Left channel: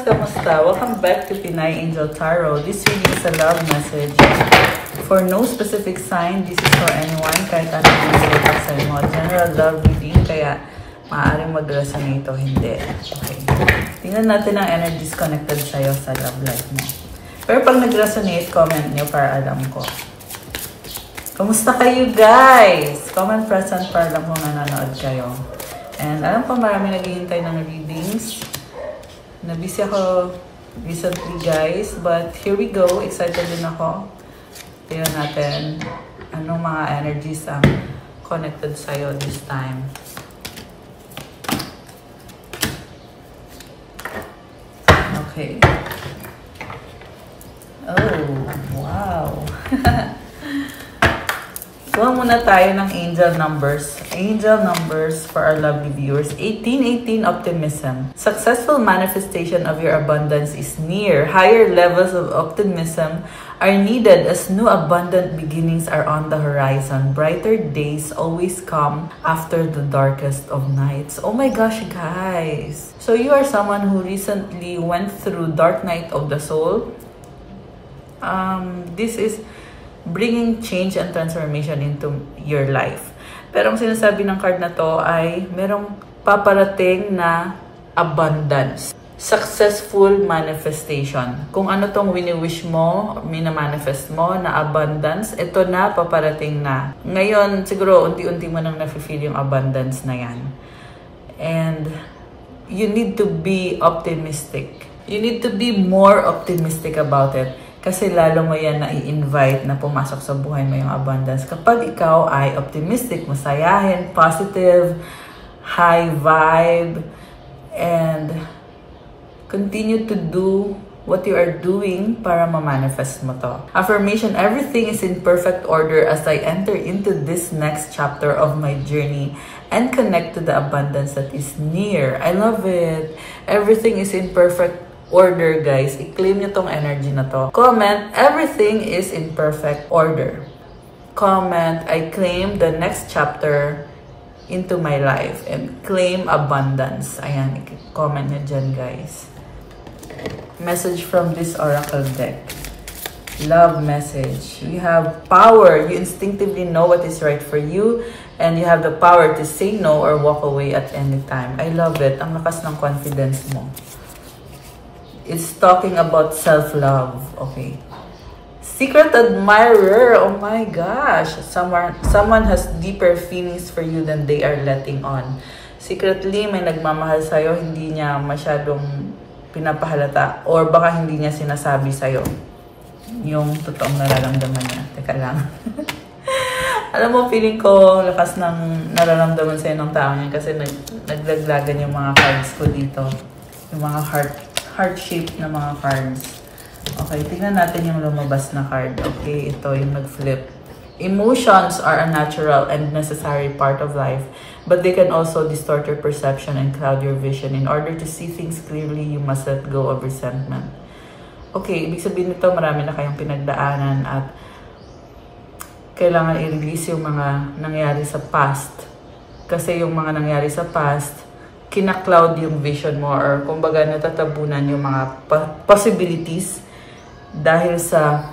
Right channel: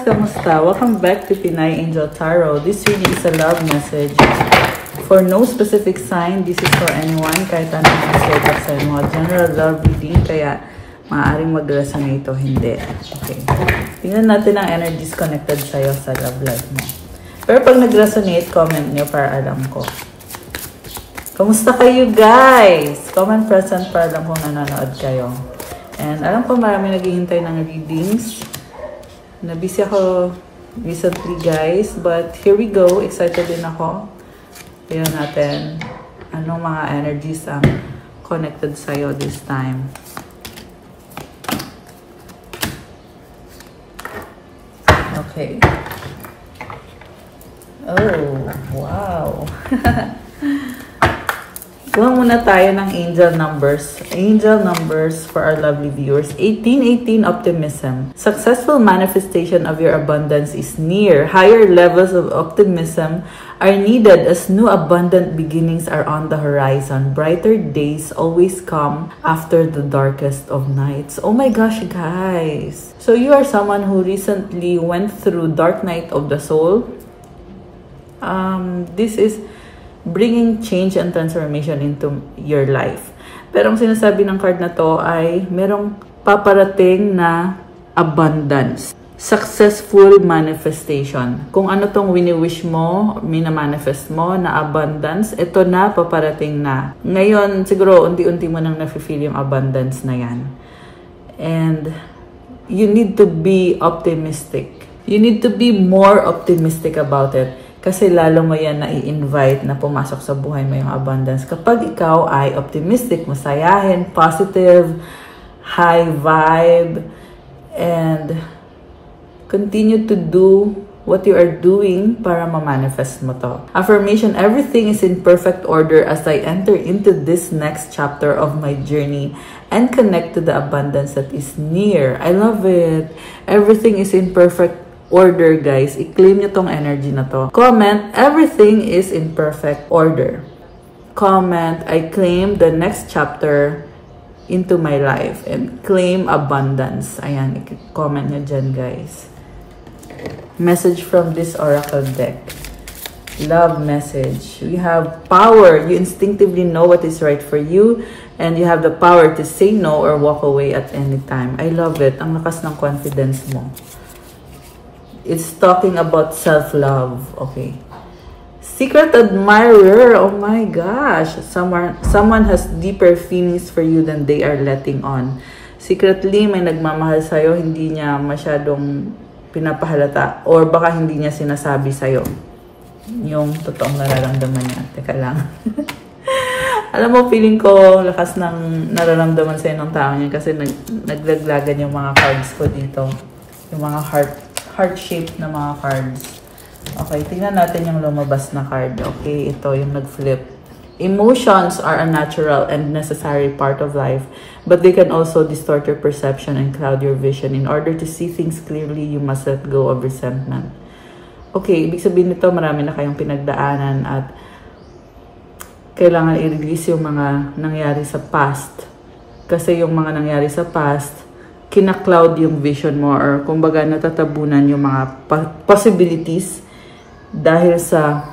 Kamusta? Welcome back to Pinay Angel Tarot. This reading is a love message. For no specific sign, this is for anyone. Kahit ano ang set sa inyo. General love reading, kaya maaaring mag-resonate o hindi. Okay. Tingnan natin ang energies connected sa'yo sa love life mo. Pero pag nag-resonate, comment niyo para alam ko. Kamusta kayo guys? Comment present para alam kung nanonood kayo. And alam ko marami naghihintay ng readings. Nabisi ako recently guys, but here we go. Excited din ako. Tingnan natin anong mga energies ang connected sa'yo this time. Okay. Oh, wow. Kuha muna tayo ng angel numbers. Angel numbers for our lovely viewers. 1818 optimism. Successful manifestation of your abundance is near. Higher levels of optimism are needed as new abundant beginnings are on the horizon. Brighter days always come after the darkest of nights. Oh my gosh, guys. So you are someone who recently went through dark night of the soul. This is bringing change and transformation into your life. Pero ang sinasabi ng card na to ay merong paparating na abundance. Successful manifestation. Kung ano tong wini-wish mo, mina-manifest mo na abundance, ito na, paparating na. Ngayon, siguro, unti-unti mo nang nafe-feel yung abundance na yan. And you need to be optimistic. You need to be more optimistic about it. Kasi lalo mo yan na i-invite na pumasok sa buhay mo yung abundance. Kapag ikaw ay optimistic, masayahin, positive, high vibe, and continue to do what you are doing para ma-manifest mo to. Affirmation, everything is in perfect order as I enter into this next chapter of my journey and connect to the abundance that is near. I love it. Everything is in perfect order, guys. I-claim nyo tong energy na to. Comment, everything is in perfect order. Comment, I claim the next chapter into my life and claim abundance. Ayan, comment nyo dyan, guys. Message from this oracle deck. Love message. You have power. You instinctively know what is right for you and you have the power to say no or walk away at any time. I love it. Ang lakas ng confidence mo. It's talking about self-love. Okay. Secret admirer. Oh my gosh. Someone has deeper feelings for you than they are letting on. Secretly, may nagmamahal sa'yo, hindi niya masyadong pinapahalata. Or baka hindi niya sinasabi sa'yo yung totoong nararamdaman niya. Teka lang. Alam mo, feeling ko lakas ng nararamdaman sa'yo ng tao niya kasi naglaglagan yung mga cards ko dito. Yung mga heart-shaped na mga cards. Okay, tingnan natin yung lumabas na card. Okay, ito yung nag-flip. Emotions are a natural and necessary part of life, but they can also distort your perception and cloud your vision. In order to see things clearly, you must let go of resentment. Okay, ibig sabihin nito, marami na kayong pinagdaanan at kailangan i-release yung mga nangyari sa past. Kasi yung mga nangyari sa past, kina-cloud yung vision mo or kumbaga natatabunan yung mga possibilities dahil sa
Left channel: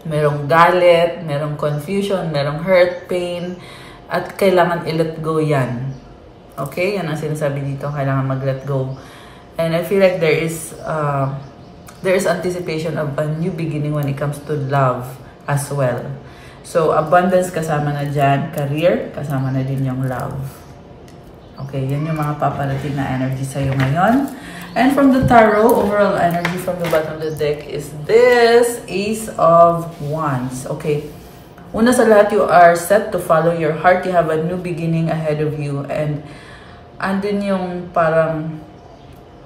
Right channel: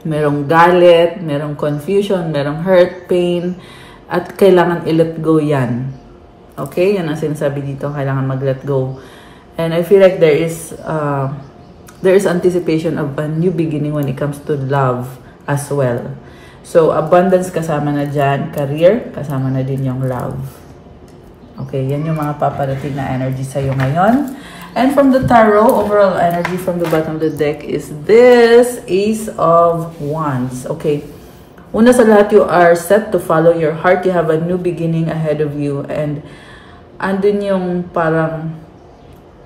merong galit, merong confusion, merong hurt, pain, at kailangan i-let go yan. Okay? Yan ang sinasabi dito, kailangan mag-let go. And I feel like there is anticipation of a new beginning when it comes to love as well. So, abundance kasama na dyan, career, kasama na din yung love. Okay, yan yung mga paparating na energy sa'yo ngayon. And from the tarot, overall energy from the bottom of the deck is this Ace of Wands. Okay, una sa lahat, you are set to follow your heart. You have a new beginning ahead of you. And andun yung parang,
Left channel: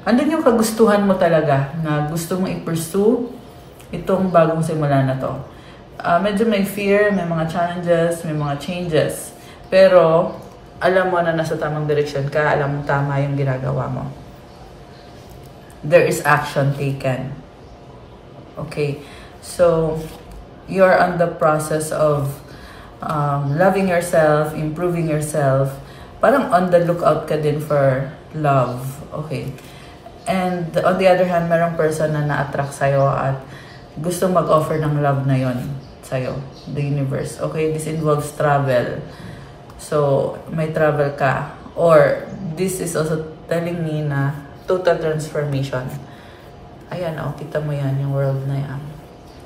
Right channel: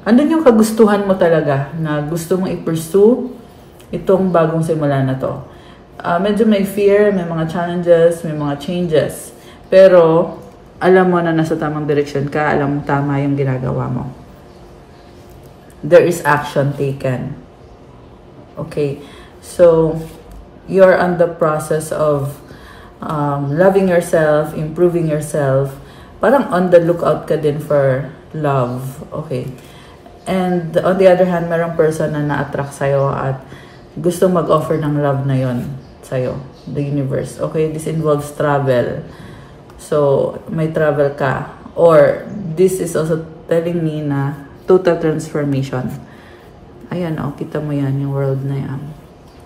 andun yung kagustuhan mo talaga na gusto mong i-pursue itong bagong simula na to. Medyo may fear, may mga challenges, may mga changes. Pero, alam mo na nasa tamang direksyon ka, alam mo tama yung ginagawa mo. There is action taken. Okay, so you're on the process of loving yourself, improving yourself. Parang on the lookout ka din for love. Okay. And on the other hand, mayroong person na na-attract sa'yo at gusto mag-offer ng love na yon sa'yo, the universe. Okay, this involves travel. So, may travel ka. Or, this is also telling me na total transformation. Ayan, kita mo yan, yung world na yan.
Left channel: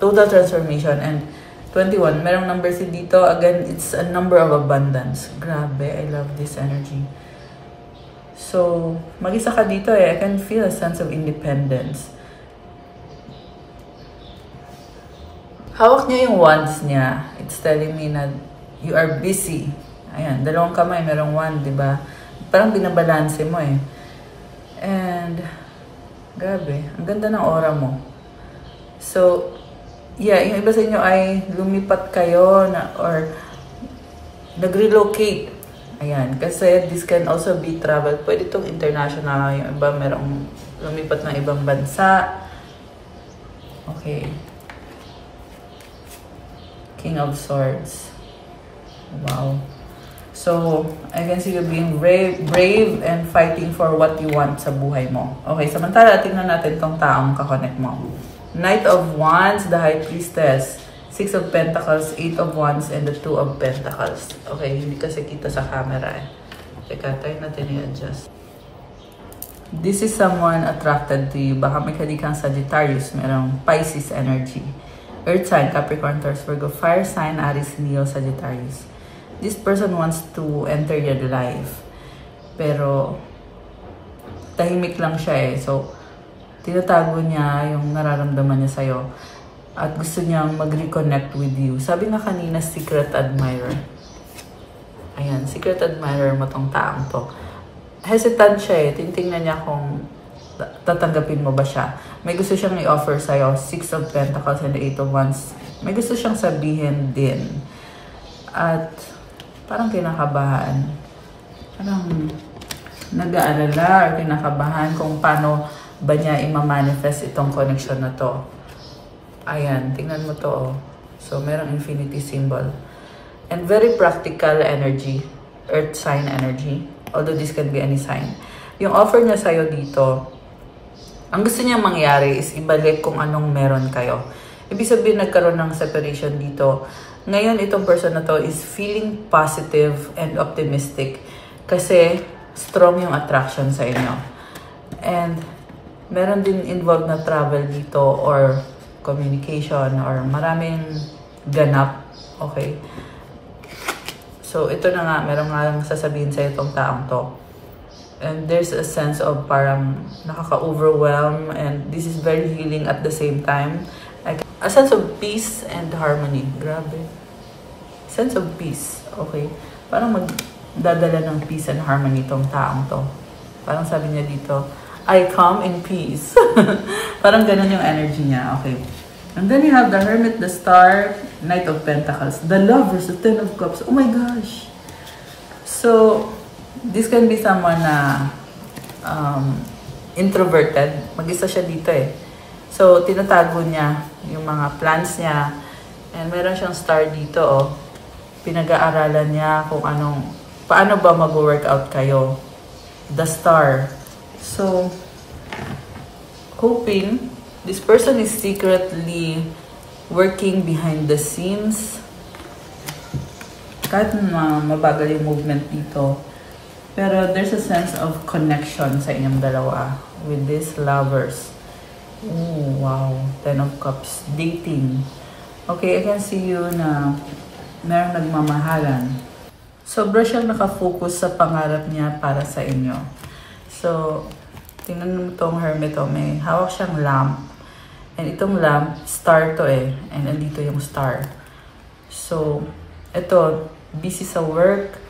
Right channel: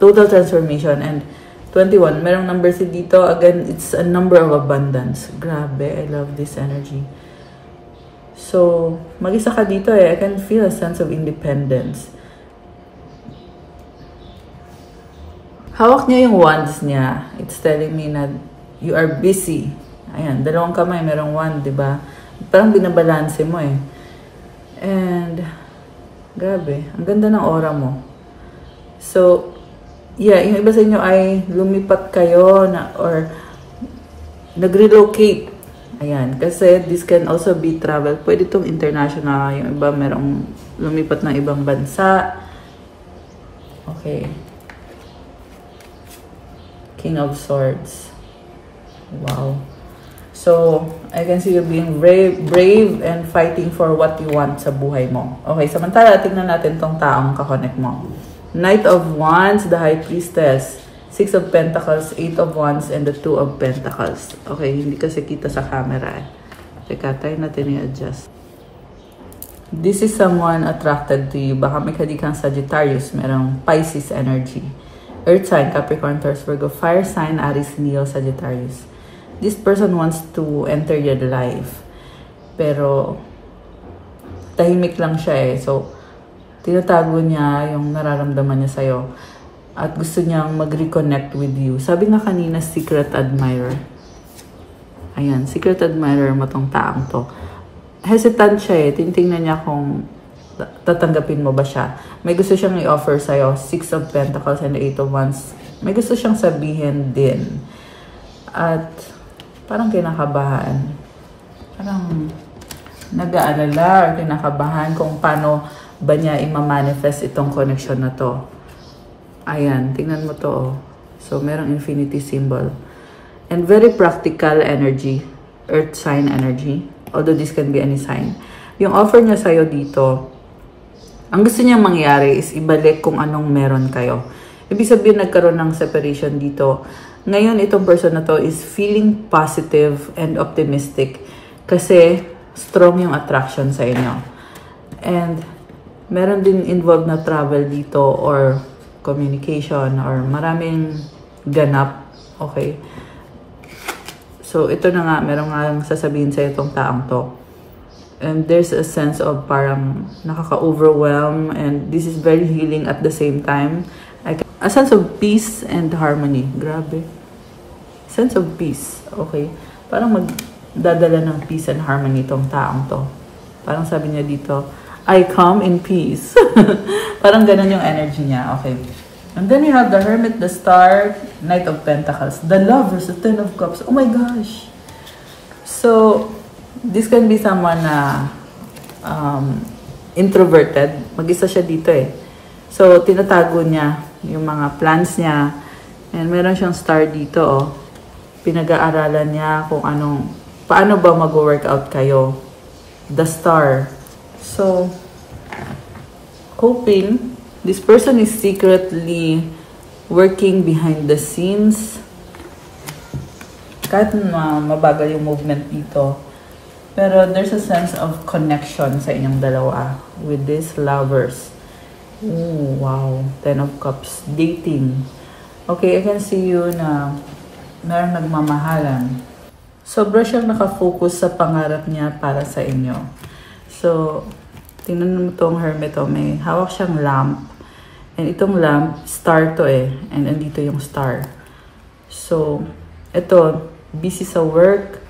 Total transformation. And 21, merong number 3 dito. Again, it's a number of abundance. Grabe, I love this energy. So, mag-isa ka dito I can feel a sense of independence. Hawak niya yung wands niya. It's telling me na you are busy. Ayan, dalawang kamay, merong wand, diba? Parang binabalanse mo And, grabe, ang ganda ng aura mo. So, yeah, yung iba sa inyo ay lumipat kayo or nag-relocate. Ayan, kasi this can also be travel. Pwede itong international. Yung iba merong lumipat ng ibang bansa. Okay. King of Swords. Wow. So, I can see you being brave and fighting for what you want sa buhay mo. Okay, samantala, tingnan natin tong taong kakonect mo. Knight of Wands, the High Priestess, 6 of Pentacles, 8 of Wands, and the 2 of Pentacles. Okay, hindi kasi kita sa camera Teka, try natin i-adjust. This is someone attracted to you. Baka may kang Sagittarius, merong Pisces energy. Earth sign, Capricorn, Taurus, Virgo, Fire sign, Aries, Leo, Sagittarius. This person wants to enter your life. Pero, tahimik lang siya So, tinatago niya yung nararamdaman niya sa'yo. At gusto niyang mag-reconnect with you. Sabi na kanina, secret admirer. Ayan, secret admirer mo tong taong to. Hesitant siya Tinitingnan niya kung tatanggapin mo ba siya. May gusto siyang i-offer sa'yo. 6 of Pentacles and 8 of Wands. May gusto siyang sabihin din. At parang kinakabahan. Parang nag-aalala or kinakabahan kung paano ba niya i-manifest itong connection na to. Ayan, tingnan mo to So, merong infinity symbol. And very practical energy. Earth sign energy. Although this can be any sign. Yung offer niya sa'yo dito, ang gusto niya mangyari is ibalik kung anong meron kayo. Ibig sabihin nagkaroon ng separation dito. Ngayon, itong person na to is feeling positive and optimistic kasi strong yung attraction sa inyo. And meron din involved na travel dito or communication or maraming ganap. Okay? So, ito na nga, meron nga sasabihin sa itong taong to. And there's a sense of parang nakaka-overwhelm and this is very healing at the same time. A sense of peace and harmony. Grabe. Sense of peace. Okay? Parang magdadala ng peace and harmony itong taong to. Parang sabi niya dito, I come in peace. Parang ganun yung energy niya. Okay. And then you have the Hermit, the Star, Knight of Pentacles, the Lovers, the Ten of Cups. Oh my gosh. So, this can be someone na introverted. Mag-isa siya dito So, tinatago niya yung mga plans niya. And meron siyang star dito, Pinag-aaralan niya kung paano ba mag-workout kayo. The star. So, hoping this person is secretly working behind the scenes. Kahit mabagal yung movement dito. Pero there's a sense of connection sa inyong dalawa with these lovers. Ooh, wow. Ten of Cups. Dating. Okay, I can see you na meron nagmamahalan. Sobra siyang nakafocus sa pangarap niya para sa inyo. So, tingnan mo itong Hermit may hawak siyang lamp. And itong lamp, star to And andito yung star. So, ito, busy sa work.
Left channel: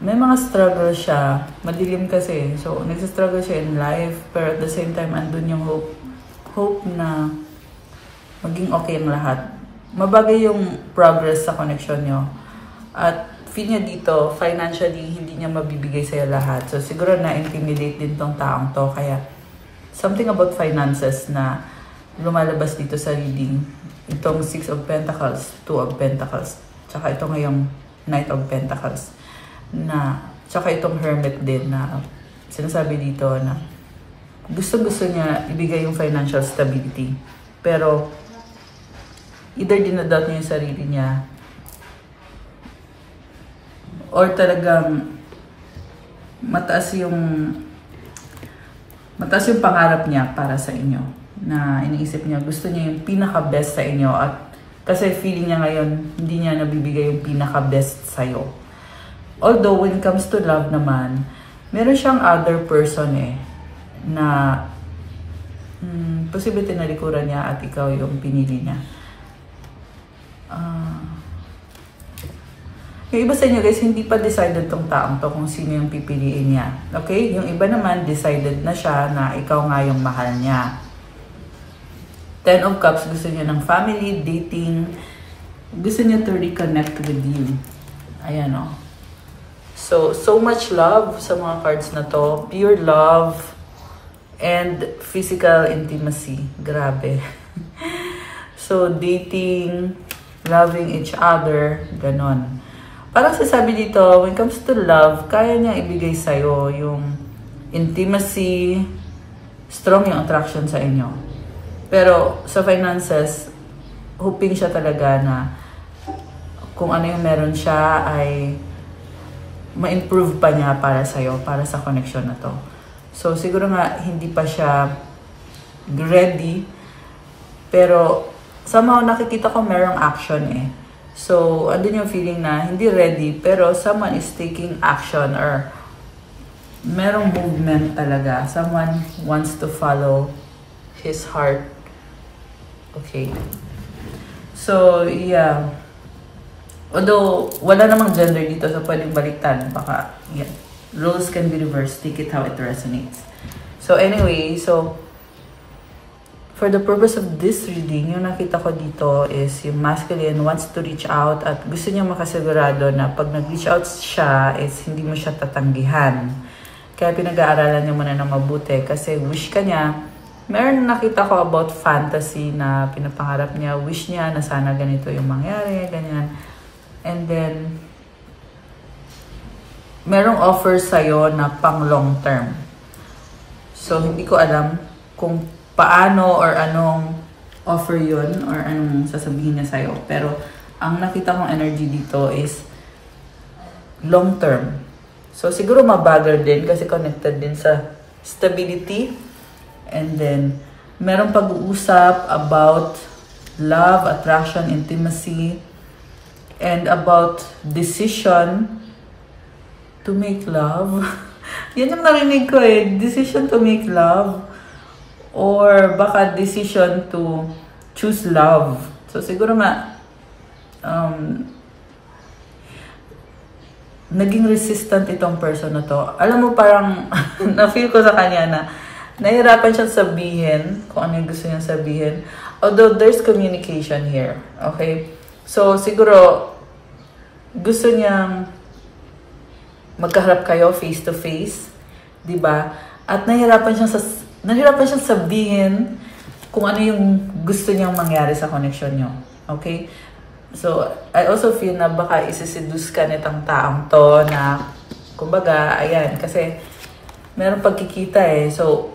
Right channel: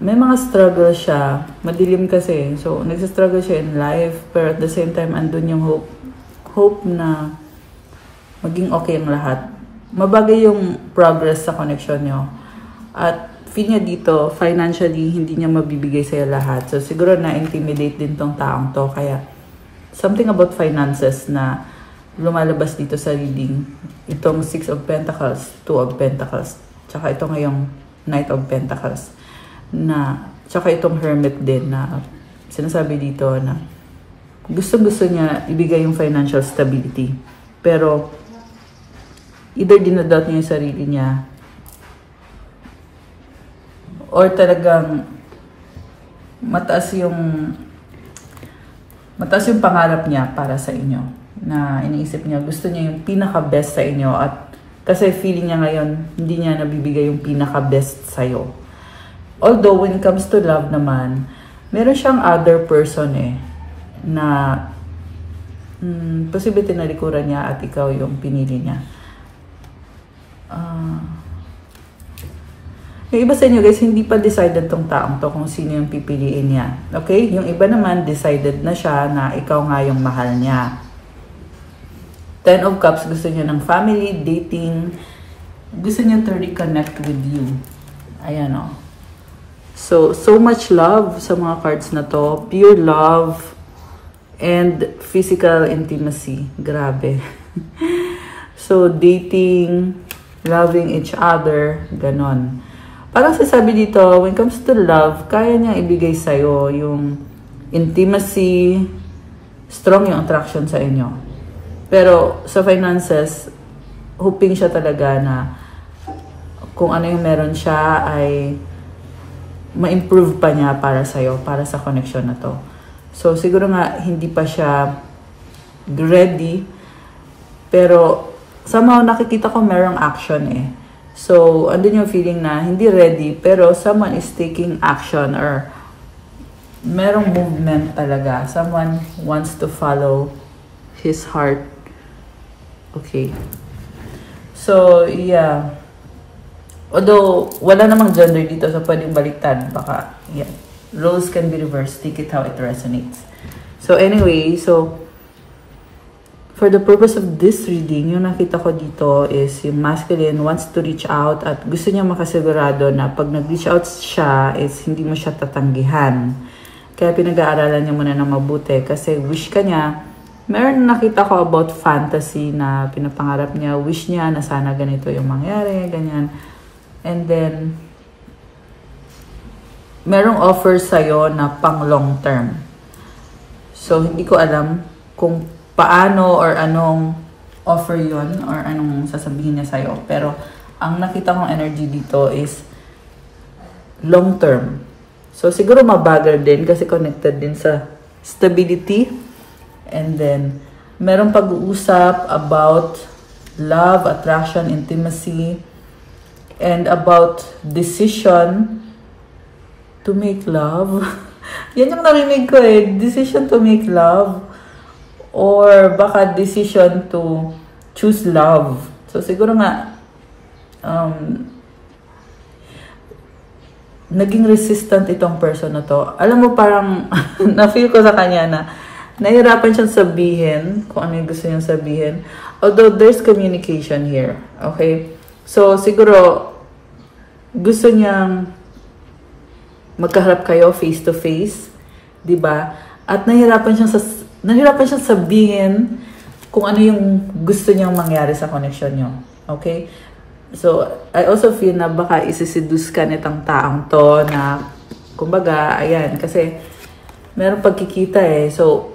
May mga struggle siya. Madilim kasi. So, nagsastruggle siya in life. Pero at the same time, andun yung hope na maging okay ang lahat. Mabagay yung progress sa connection nyo. At feel niya dito, financially, hindi niya mabibigay sa'yo lahat. So, siguro na-intimidate din tong taong to. Kaya, something about finances na lumalabas dito sa reading. Itong 6 of Pentacles, 2 of Pentacles. Tsaka ito ngayong Knight of Pentacles. Tsaka itong Hermit din na sinasabi dito na gusto niya ibigay yung financial stability. Pero, either dinadoubt niya yung sarili niya, or talagang mataas yung pangarap niya para sa inyo. Na iniisip niya, gusto niya yung pinaka-best sa inyo. At kasi feeling niya ngayon, hindi niya nabibigay yung pinaka-best sa'yo. Although, when it comes to love naman, meron siyang other person na posible tinalikuran niya at ikaw yung pinili niya. Yung iba sa inyo guys, hindi pa decided tong taong to kung sino yung pipiliin niya. Okay? Yung iba naman, decided na siya na ikaw nga yung mahal niya. Ten of Cups, gusto niya ng family, dating. Gusto niya to reconnect with you. Ayan o. So much love sa mga cards na to. Pure love and physical intimacy. Grabe. So, dating, loving each other, ganon. Parang sasabi dito, when it comes to love, kaya niya ibigay sa'yo yung intimacy, strong yung attraction sa inyo. Pero sa finances, hoping siya talaga na kung ano yung meron siya ay ma-improve pa niya para sa'yo, para sa connection na to. So, siguro nga, hindi pa siya ready. Pero, somehow nakikita ko merong action So, andun yung feeling na hindi ready, pero someone is taking action or merong movement talaga. Someone wants to follow his heart. Okay. So, yeah. Although, wala namang gender dito, so pwedeng baliktad. Baka, yeah. Roles can be reversed. Take it how it resonates. So, anyway, for the purpose of this reading, yung nakita ko dito is yung masculine wants to reach out at gusto niya makasigurado na pag nag-reach out siya is hindi mo siya tatanggihan. Kaya pinag-aaralan niya muna na mabuti kasi wish ka niya. Meron nakita ko about fantasy na pinapangarap niya. Wish niya na sana ganito yung mangyari, ganyan. And then, merong offer sa'yo na pang long term. So, hindi ko alam kung paano or anong offer yun or anong sasabihin niya sa'yo. Pero, ang nakita kong energy dito is long term. So, siguro mabagal din kasi connected din sa stability. And then, merong pag-uusap about love, attraction, intimacy, and about decision to make love. Yan yung narinig ko decision to make love. Or baka decision to choose love. So, siguro nga, naging resistant itong person na to. Alam mo, parang, na-feel ko sa kanya na nahihirapan siyang sabihin kung ano yung gusto niyang sabihin. Although, there's communication here. Okay? So, siguro, gusto niyang magkaharap kayo face-to-face. Diba? At nahihirapan siyang sabihin kung ano yung gusto niyang mangyari sa connection niyo. Okay? So, I also feel na baka isiseduce ka nitong taong to na, kumbaga, ayan, kasi meron pagkikita So,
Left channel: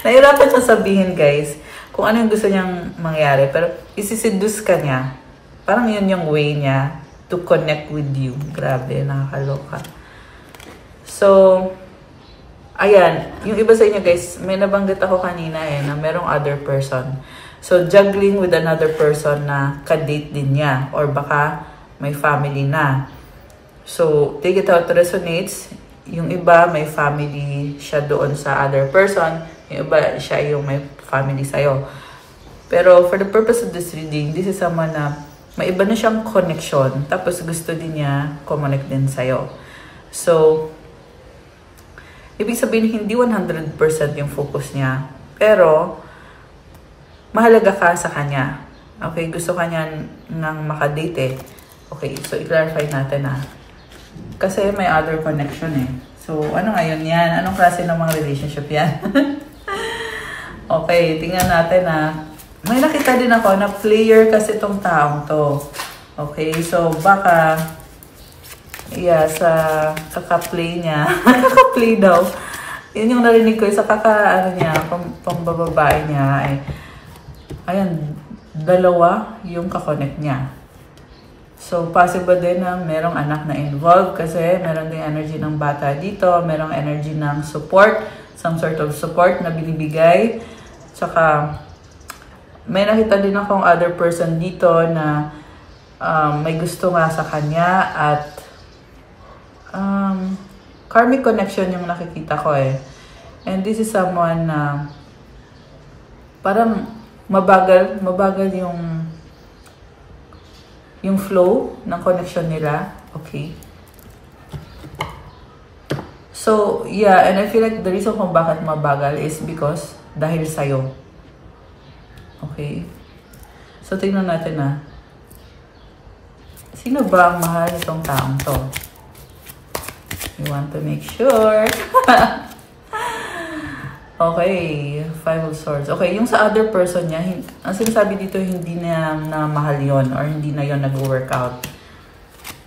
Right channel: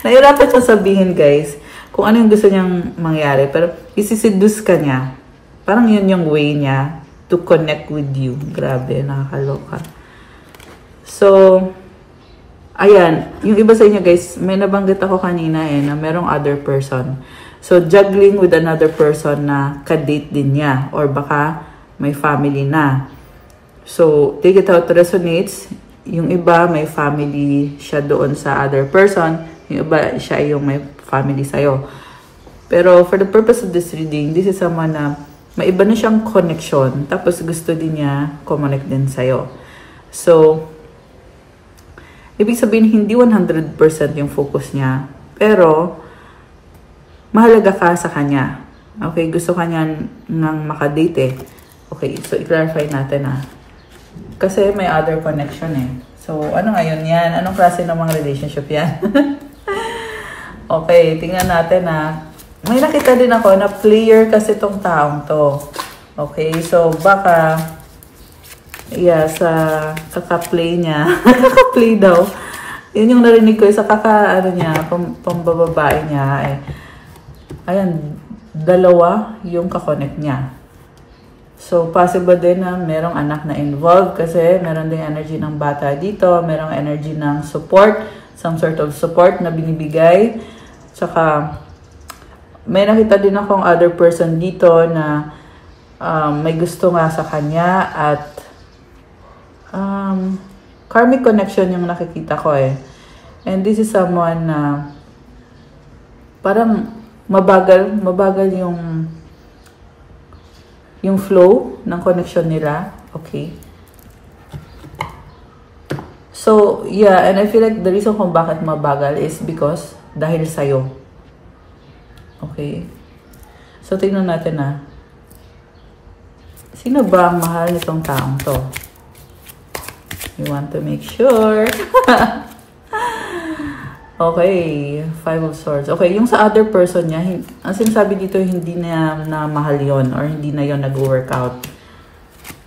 nahirapan siyang sabihin, guys, kung ano yung gusto niyang mangyari. Pero, isiseduce ka niya. Parang yun yung way niya to connect with you. Grabe, nakakaloka. So, ayan, yung iba sa inyo guys, may nabanggit ako kanina na merong other person. So, juggling with another person na ka-date din niya or baka may family na. So, take it how it resonates. Yung iba, may family siya doon sa other person. Yung iba, siya yung may family sa'yo. Pero, for the purpose of this reading, this is someone na may iba na siyang connection. Tapos, gusto din niya connect din sa'yo. So, ibig sabihin, hindi 100% yung focus niya. Pero, mahalaga ka sa kanya. Okay, gusto kanya ng makadate Okay, so i-clarify natin kasi may other connection So, ano ngayon yan? Anong klase ng mga relationship yan? Okay, tingnan natin may nakita din ako na player kasi tong taong to. Okay, so baka Yeah, sa kaka-play niya. Kaka-play daw. Yun yung narinig ko sa ano niya, pambababae niya. Ay, ayan, dalawa yung kakonect niya. So, possible din na merong anak na involved kasi meron din energy ng bata dito, merong energy ng support, some sort of support na binibigay. Tsaka, may nakita din akong other person dito na may gusto nga sa kanya at karmic connection yung nakikita ko eh. And this is someone na parang mabagal yung flow ng connection nila. Okay. So, yeah, and I feel like the reason kung bakit mabagal is because dahil sa'yo. Okay. So, tingnan natin na. Sino ba ang mahal nitong taong to? You want to make sure. Okay, 5 of Swords. Okay, yung sa other person niya, ang sinasabi dito, hindi na mahal yon or hindi na yon nag-work out.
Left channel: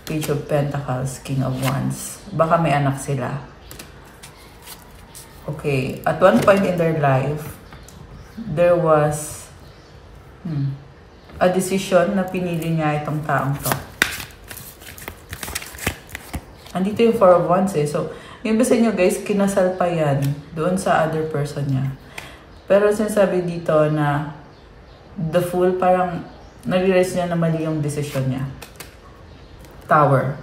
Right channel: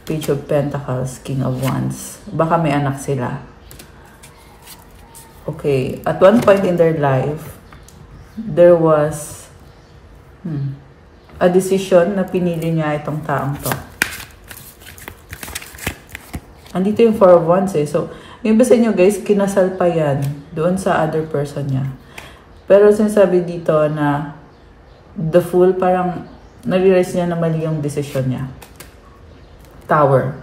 Page of Pentacles, King of Wands. Baka may anak sila. Okay, at one point in their life, there was a decision na pinili niya itong taong to. Andito yung 4 of Wands eh. So, yung iba sa inyo guys, kinasal pa yan doon sa other person niya. Pero sinasabi dito na the Fool, parang nag-realize niya na mali yung decision niya. Tower.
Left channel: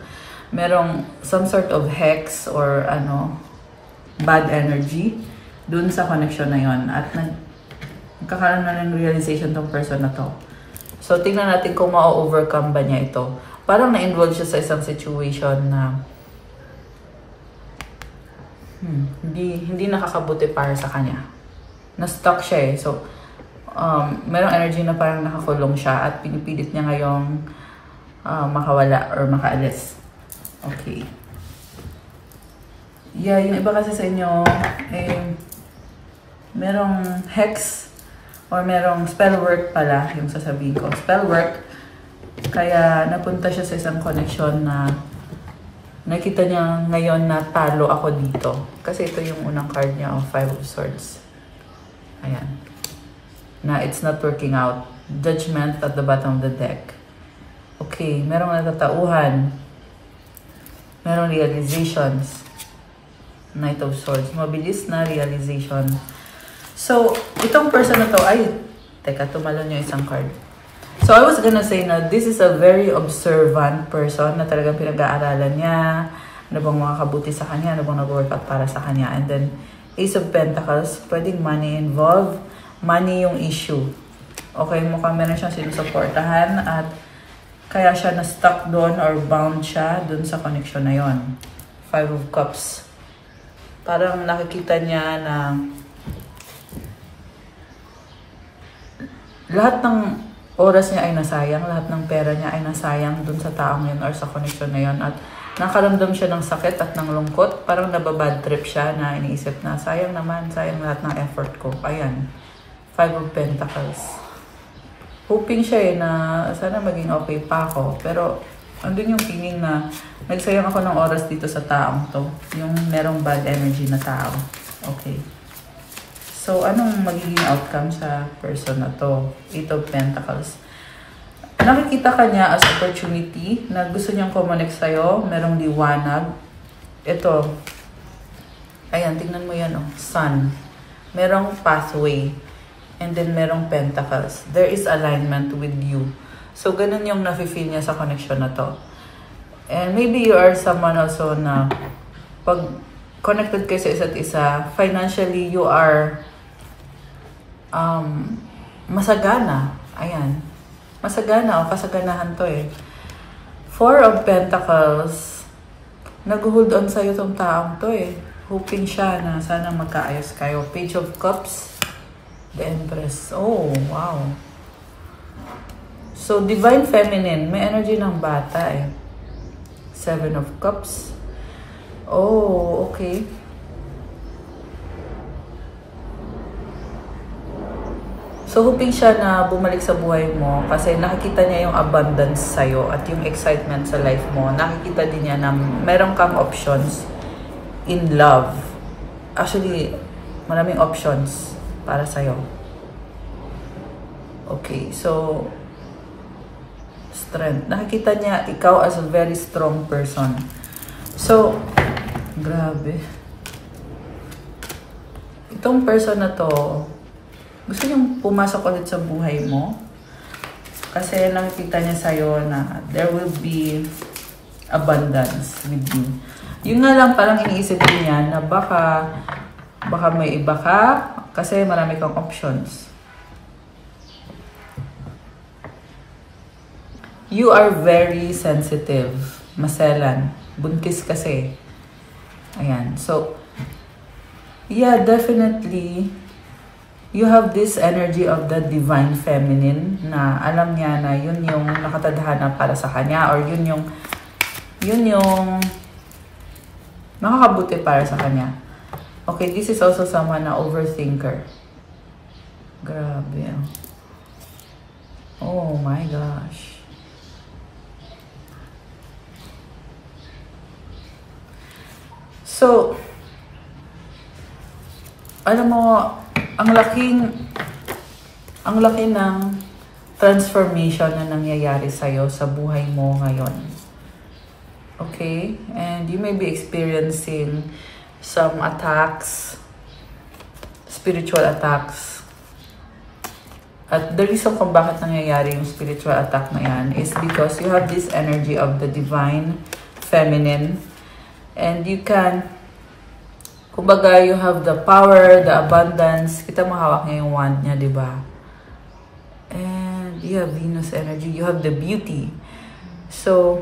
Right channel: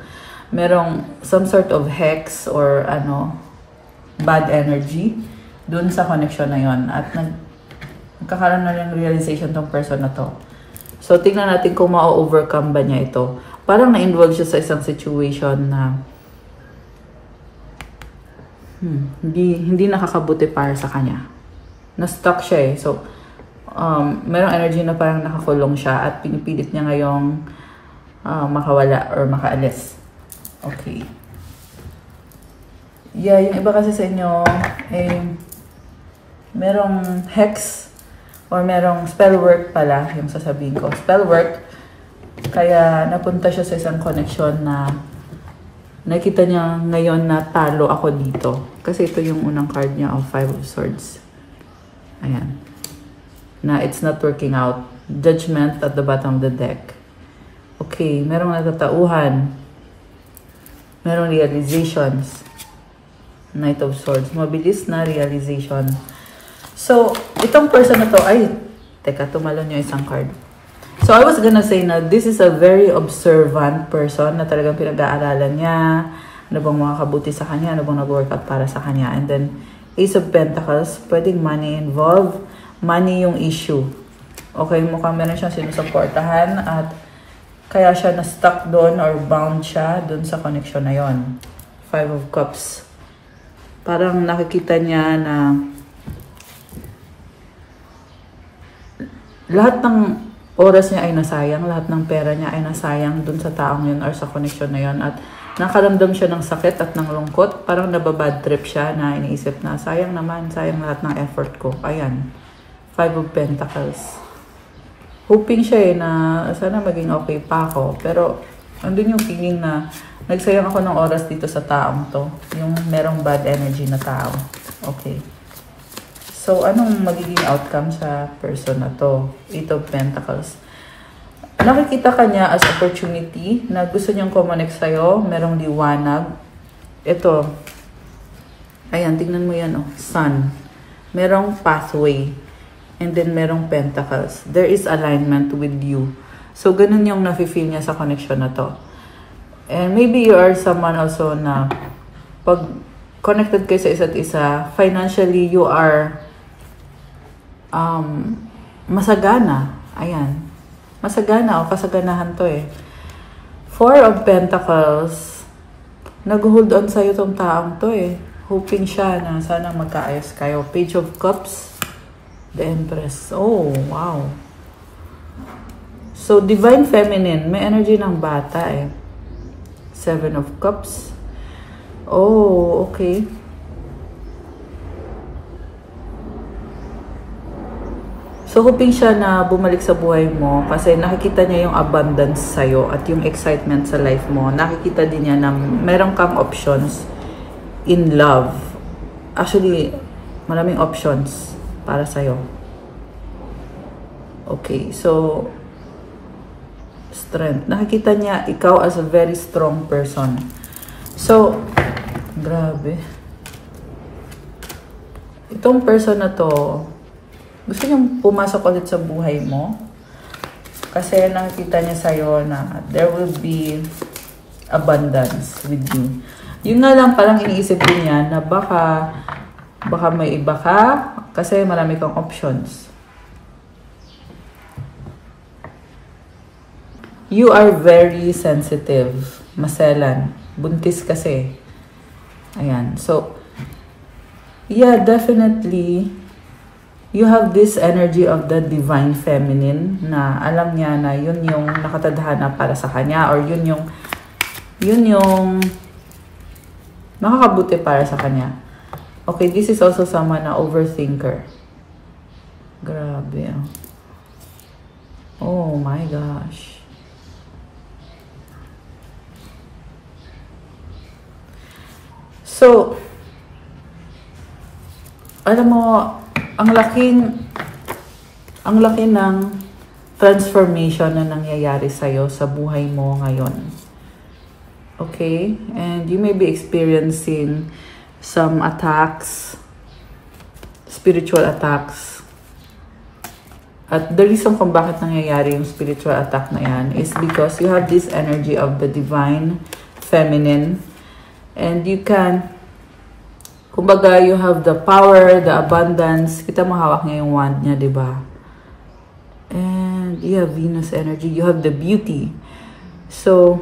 Merong some sort of hex or bad energy doon sa connection na yon. At nagkakaroon na ng realization tong person na to. So, tingnan natin kung ma-overcome ba niya ito. Parang na-involve siya sa isang situation na hindi nakakabuti para sa kanya. Na-stuck siya eh. So, merong energy na parang nakakulong siya at pinipilit niya ngayong makawala or makaalis. Okay. Yeah, yung iba kasi sa inyo, merong hex or merong spell work pala, yung sasabihin ko. Spell work, kaya napunta siya sa isang connection na nakita niya ngayon na talo ako dito. Kasi ito yung unang card niya of 5 of Swords. Ayan. Na it's not working out. Judgment at the bottom of the deck. Okay, merong natatauhan. Merong realizations. Knight of Swords. Mabilis na realization. So, itong person na to, teka, tumalon yung isang card. So, I was gonna say na this is a very observant person na talagang pinag-aaralan niya, ano bang makakabuti sa kanya, ano bang nag-workout para sa kanya. And then, Ace of Pentacles, pwedeng money involved. Money yung issue. Okay, mukhang meron siyang sinusuportahan at kaya siya na-stuck doon or bound siya doon sa connection na yon. 5 of Cups. Parang nakikita niya na lahat ng oras niya ay nasayang, lahat ng pera niya ay nasayang dun sa taong yun or sa connection na yun. At nakaramdam siya ng sakit at ng lungkot. Parang nababad trip siya na iniisip na, sayang naman, sayang lahat ng effort ko. Ayan. 5 of Pentacles. Hoping siya na sana maging okay pa ako. Pero, andun yung feeling na nagsayang ako ng oras dito sa taong to. Yung merong bad energy na tao. Okay. So, anong magiging outcome sa person na to? 8 of Pentacles. Nakikita ka niya as opportunity na gusto niyang kumonek sa'yo. Merong liwanag. Ito. Ayan, tingnan mo yan. Sun. Merong pathway. And then, merong Pentacles. There is alignment with you. So, ganun yung nafe-feel niya sa connection na to. And maybe you are someone also na pag connected kayo sa isa't isa, financially, you are masagana. Ayan. Masagana o kasaganahan to eh. 4 of Pentacles. Nag-hold on sa'yo tong taong to eh. Hoping siya na sana magkaayos kayo. Page of Cups. The Empress. Oh, wow. So, Divine Feminine. May energy ng bata eh. 7 of Cups. Oh, okay. So, hoping siya na bumalik sa buhay mo kasi nakikita niya yung abundance sa'yo at yung excitement sa life mo. Nakikita din niya na meron kang options in love. Actually, maraming options para sa'yo. Okay, so, strength. Nakikita niya ikaw as a very strong person. So, grabe. Itong person na to, gusto niyang pumasok ulit sa buhay mo. Kasi nakikita niya sa'yo na there will be abundance with you. Yun nga lang parang iniisip niya na baka may iba ka kasi marami kang options. You are very sensitive. Maselan. Buntis kasi. Ayan. So, yeah, definitely, you have this energy of the divine feminine na alam niya na yun yung nakatadhana para sa kanya or yun yung nakakabuti para sa kanya. Okay, this is also someone na overthinker. Grabe. Oh my gosh. So, alam mo, ang laki ng transformation na nangyayari sa'yo sa buhay mo ngayon. Okay? And you may be experiencing some attacks, spiritual attacks. At the reason kung bakit nangyayari yung spiritual attack na yan is because you have this energy of the divine feminine. And you can, kumbaga, you have the power, the abundance. Kita mo hawak niya yung wand niya, di ba? And you have Venus energy. You have the beauty. So,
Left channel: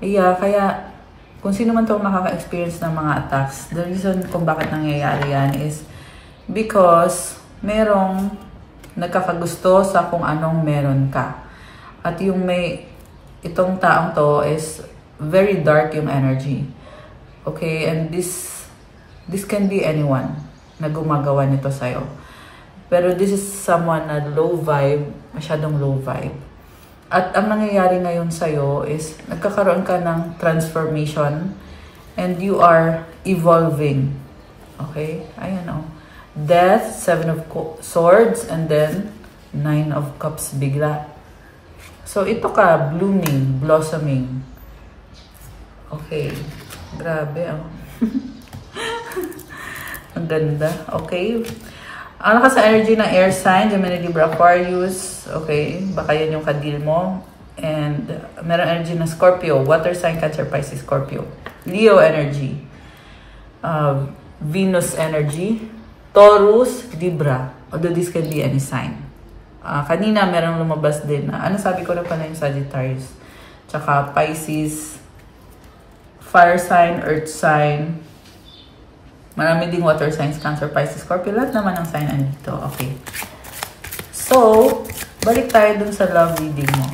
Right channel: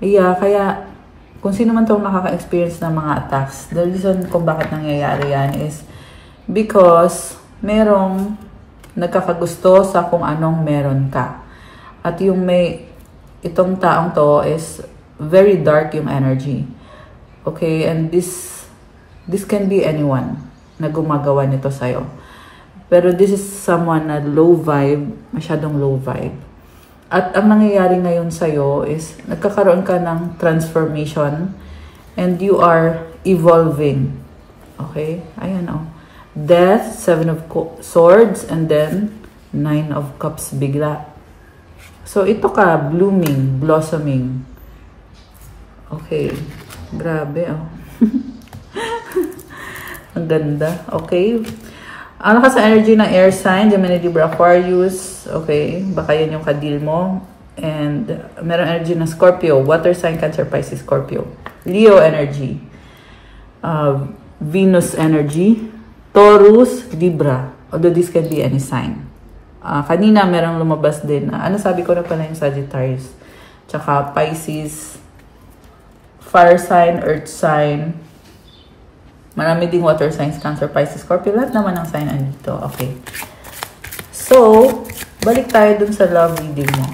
yeah, kaya, kung sino man itong nakaka-experience ng mga attacks, the reason kung bakit nangyayari yan is because merong nagkakagusto sa kung anong meron ka. At yung itong taong to is very dark yung energy. Okay, and this can be anyone na gumagawa nito sa'yo. Pero this is someone na low vibe, masyadong low vibe. At ang nangyayari ngayon sa'yo is nagkakaroon ka ng transformation and you are evolving. Okay, ayan o. Death, 7 of Swords, and then 9 of Cups bigla. So ito ka, blooming, blossoming. Okay. Grabe, oh. Ang ganda. Okay. Ano ka sa energy ng air sign? Gemini, Libra, Aquarius. Okay. Baka yun yung kadil mo. And meron energy ng Scorpio. Water sign, Cancer, Pisces, Scorpio. Leo energy. Venus energy. Taurus, Libra. Although this can be any sign. Kanina merong lumabas din. Ano sabi ko na pala yung Sagittarius. Tsaka Pisces, fire sign, earth sign. Marami ding water signs, Cancer, Pisces, Scorpio. Lahat naman ang sign andito. Okay. So, balik tayo dun sa love reading mo.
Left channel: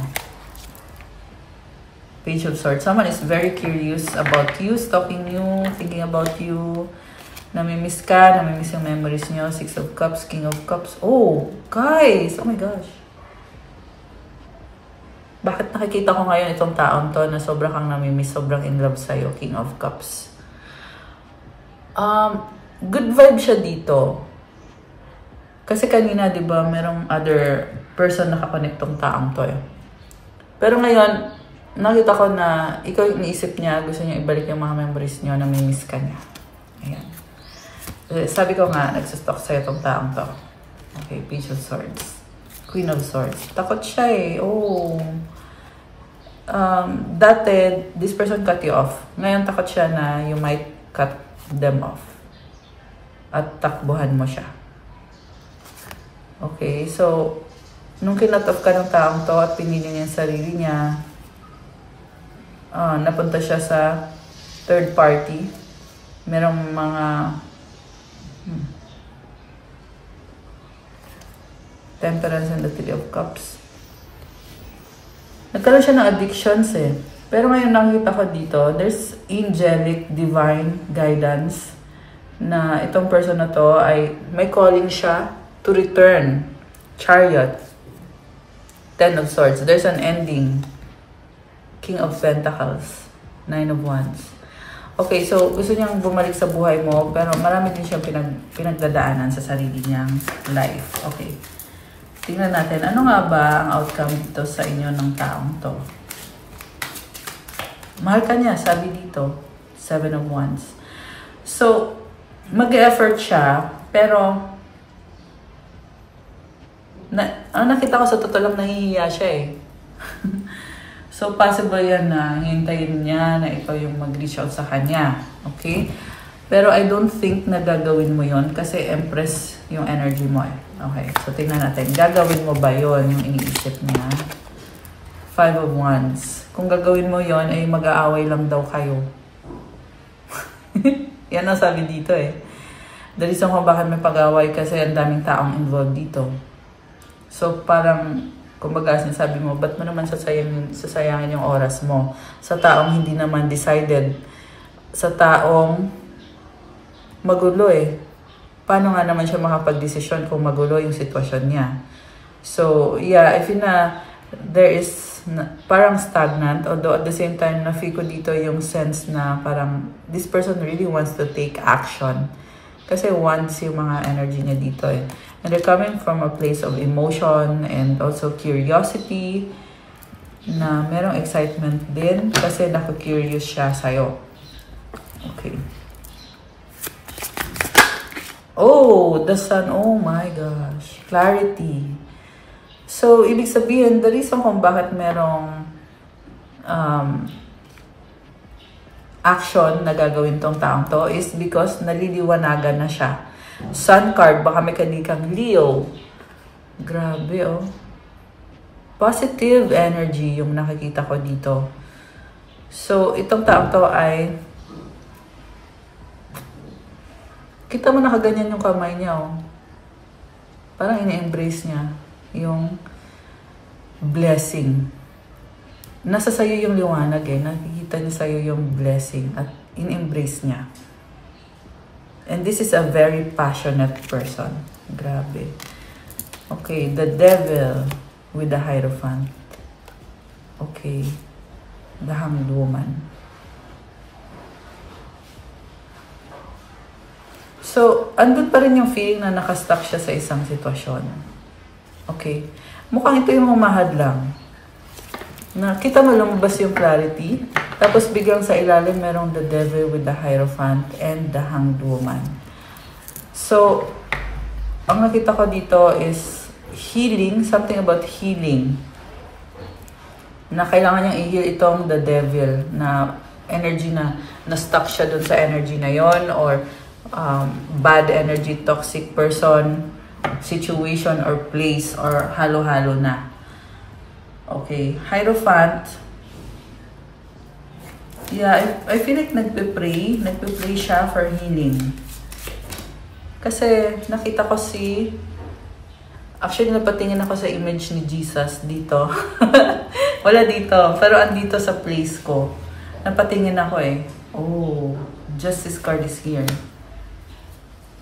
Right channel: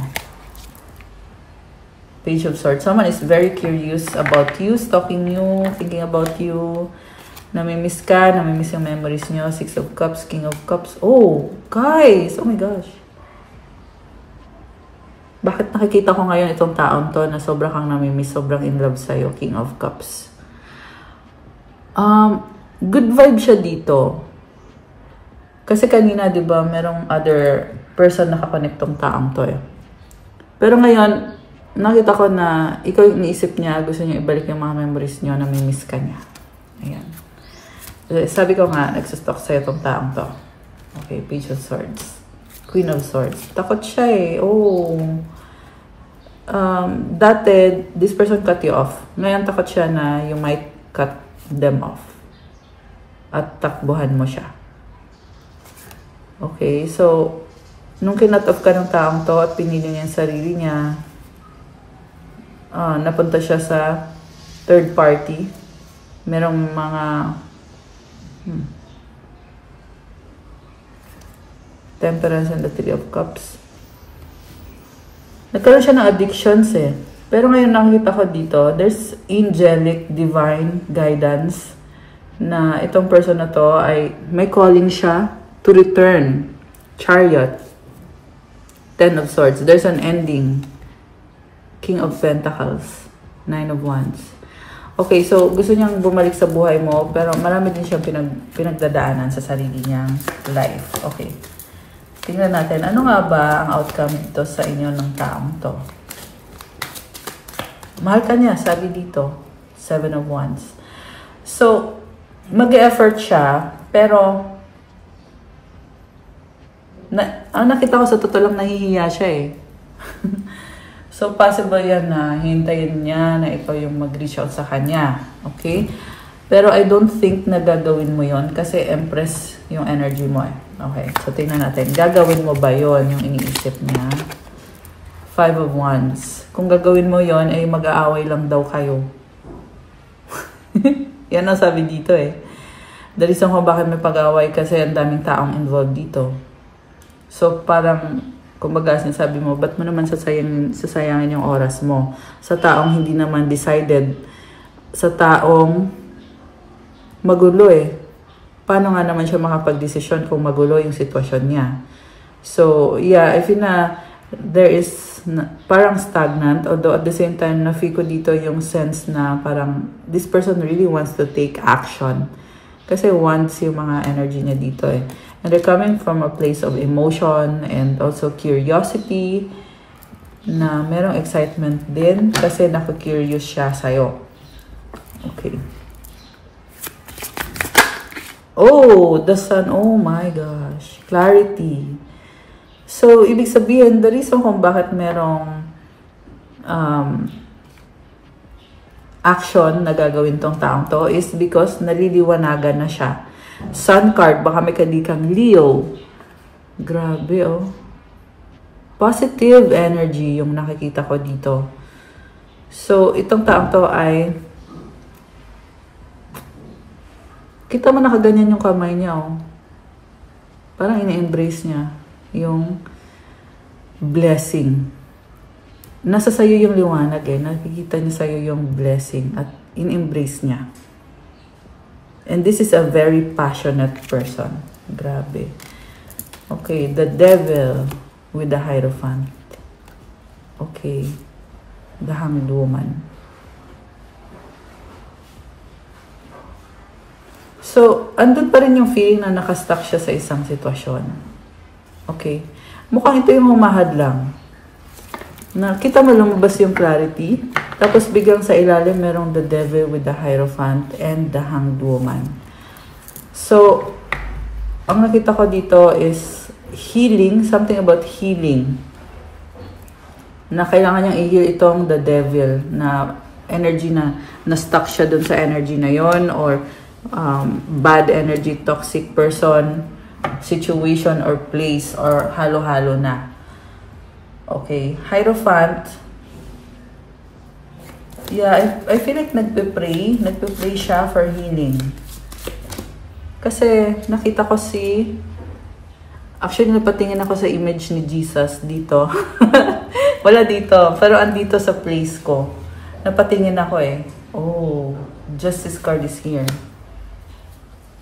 Page of Swords. Someone is very curious about you, stalking you, thinking about you. Namimiss ka, namimiss yung memories nyo. 6 of Cups, King of Cups. Oh, guys! Oh my gosh. Bakit nakikita ko ngayon itong taon to na sobrang kang namimiss, sobrang in love sa'yo, King of Cups? Good vibe siya dito. Kasi kanina, di ba, merong other person nakakonect tong taong to eh. Pero ngayon, nakita ko na ikaw yung iniisip niya, gusto niya ibalik yung mga memories niyo, namimiss ka niya. Ayan. Sabi ko nga, nagsastalk sa'yo itong taong to. Okay, Page of Swords. Queen of Swords. Takot siya eh. Oh. Dati, this person cut you off. Ngayon, takot siya na you might cut them off. At takbuhan mo siya. Okay, so, nung kinut off ka ng taong to at pinili niya yung sarili niya, napunta siya sa third party. Merong mga Temperance and the 3 of Cups. Nagkaroon siya ng addictions eh. Pero ngayon nakikita ko dito, there's angelic divine guidance na itong person na to ay may calling siya to return. Chariot. Ten of Swords. There's an ending. King of Pentacles. Nine of Wands. Okay, so gusto niyang bumalik sa buhay mo, pero marami din siyang pinagdadaanan sa sarili niyang life. Okay. Tingnan natin, ano nga ba ang outcome dito sa inyo ng taong to? Mahal ka niya, sabi dito. Seven of Wands. So, mag-e-effort siya, pero ang nakita ko sa totoo lang, nahihiya siya eh. So, possible yan na hintayin niya na ikaw yung mag-reach out sa kanya. Okay? Pero I don't think na gagawin mo yon kasi Empress yung energy mo eh. Okay, so tingnan natin. Gagawin mo ba yon yung iniisip niya? Five of Wands. Kung gagawin mo yon ay mag-aaway lang daw kayo. Yan ang sabi dito eh. The reason kung bakit may pag-aaway kasi ang daming taong involved dito. So parang, kumbaga sinasabi mo, ba't mo naman sasayangin yung oras mo? Sa taong hindi naman decided. Sa taong magulo eh. Paano nga naman siya makapag-desisyon kung magulo yung sitwasyon niya? So, yeah, I feel na there is parang stagnant, although at the same time, na-feel ko dito yung sense na parang this person really wants to take action. Kasi wants yung mga energy niya dito eh. And they're coming from a place of emotion and also curiosity na merong excitement din kasi naka-curious siya sa'yo. Okay. Oh, the sun. Oh my gosh. Clarity. So, ibig sabihin, the reason kung bakit merong action na gagawin tong taong to is because naliliwanagan na siya. Sun card, baka may kadikang Leo. Grabe, oh. Positive energy yung nakikita ko dito. So, itong taong to ay kita mo nakaganyan yung kamay niya, oh. Parang ina-embrace niya yung blessing. Nasa sayo yung liwanag eh. Nakikita niya sayo yung blessing at in-embrace niya. And this is a very passionate person. Grabe. Okay, the devil with the Hierophant. Okay, the Hanged Woman. So, andun pa rin yung feeling na nakastuck siya sa isang sitwasyon. Okay. Mukhang ito yung humahad lang. Nakita mo lumabas yung clarity. Tapos biglang sa ilalim merong the devil with the Hierophant and the Hanged Woman. So, ang nakita ko dito is healing. Something about healing. Na kailangan niyang i-heal itong the devil na energy na na-stuck siya dun sa energy na yon or bad energy, toxic person, situation or place or halo-halo na. Okay, Hierophant. Yeah, I feel like nagpe-pray siya for healing. Kasi nakita ko actually napatingin ako sa image ni Jesus dito. Wala dito, pero andito sa place ko. Napatingin ako eh. Oh, Justice card is here.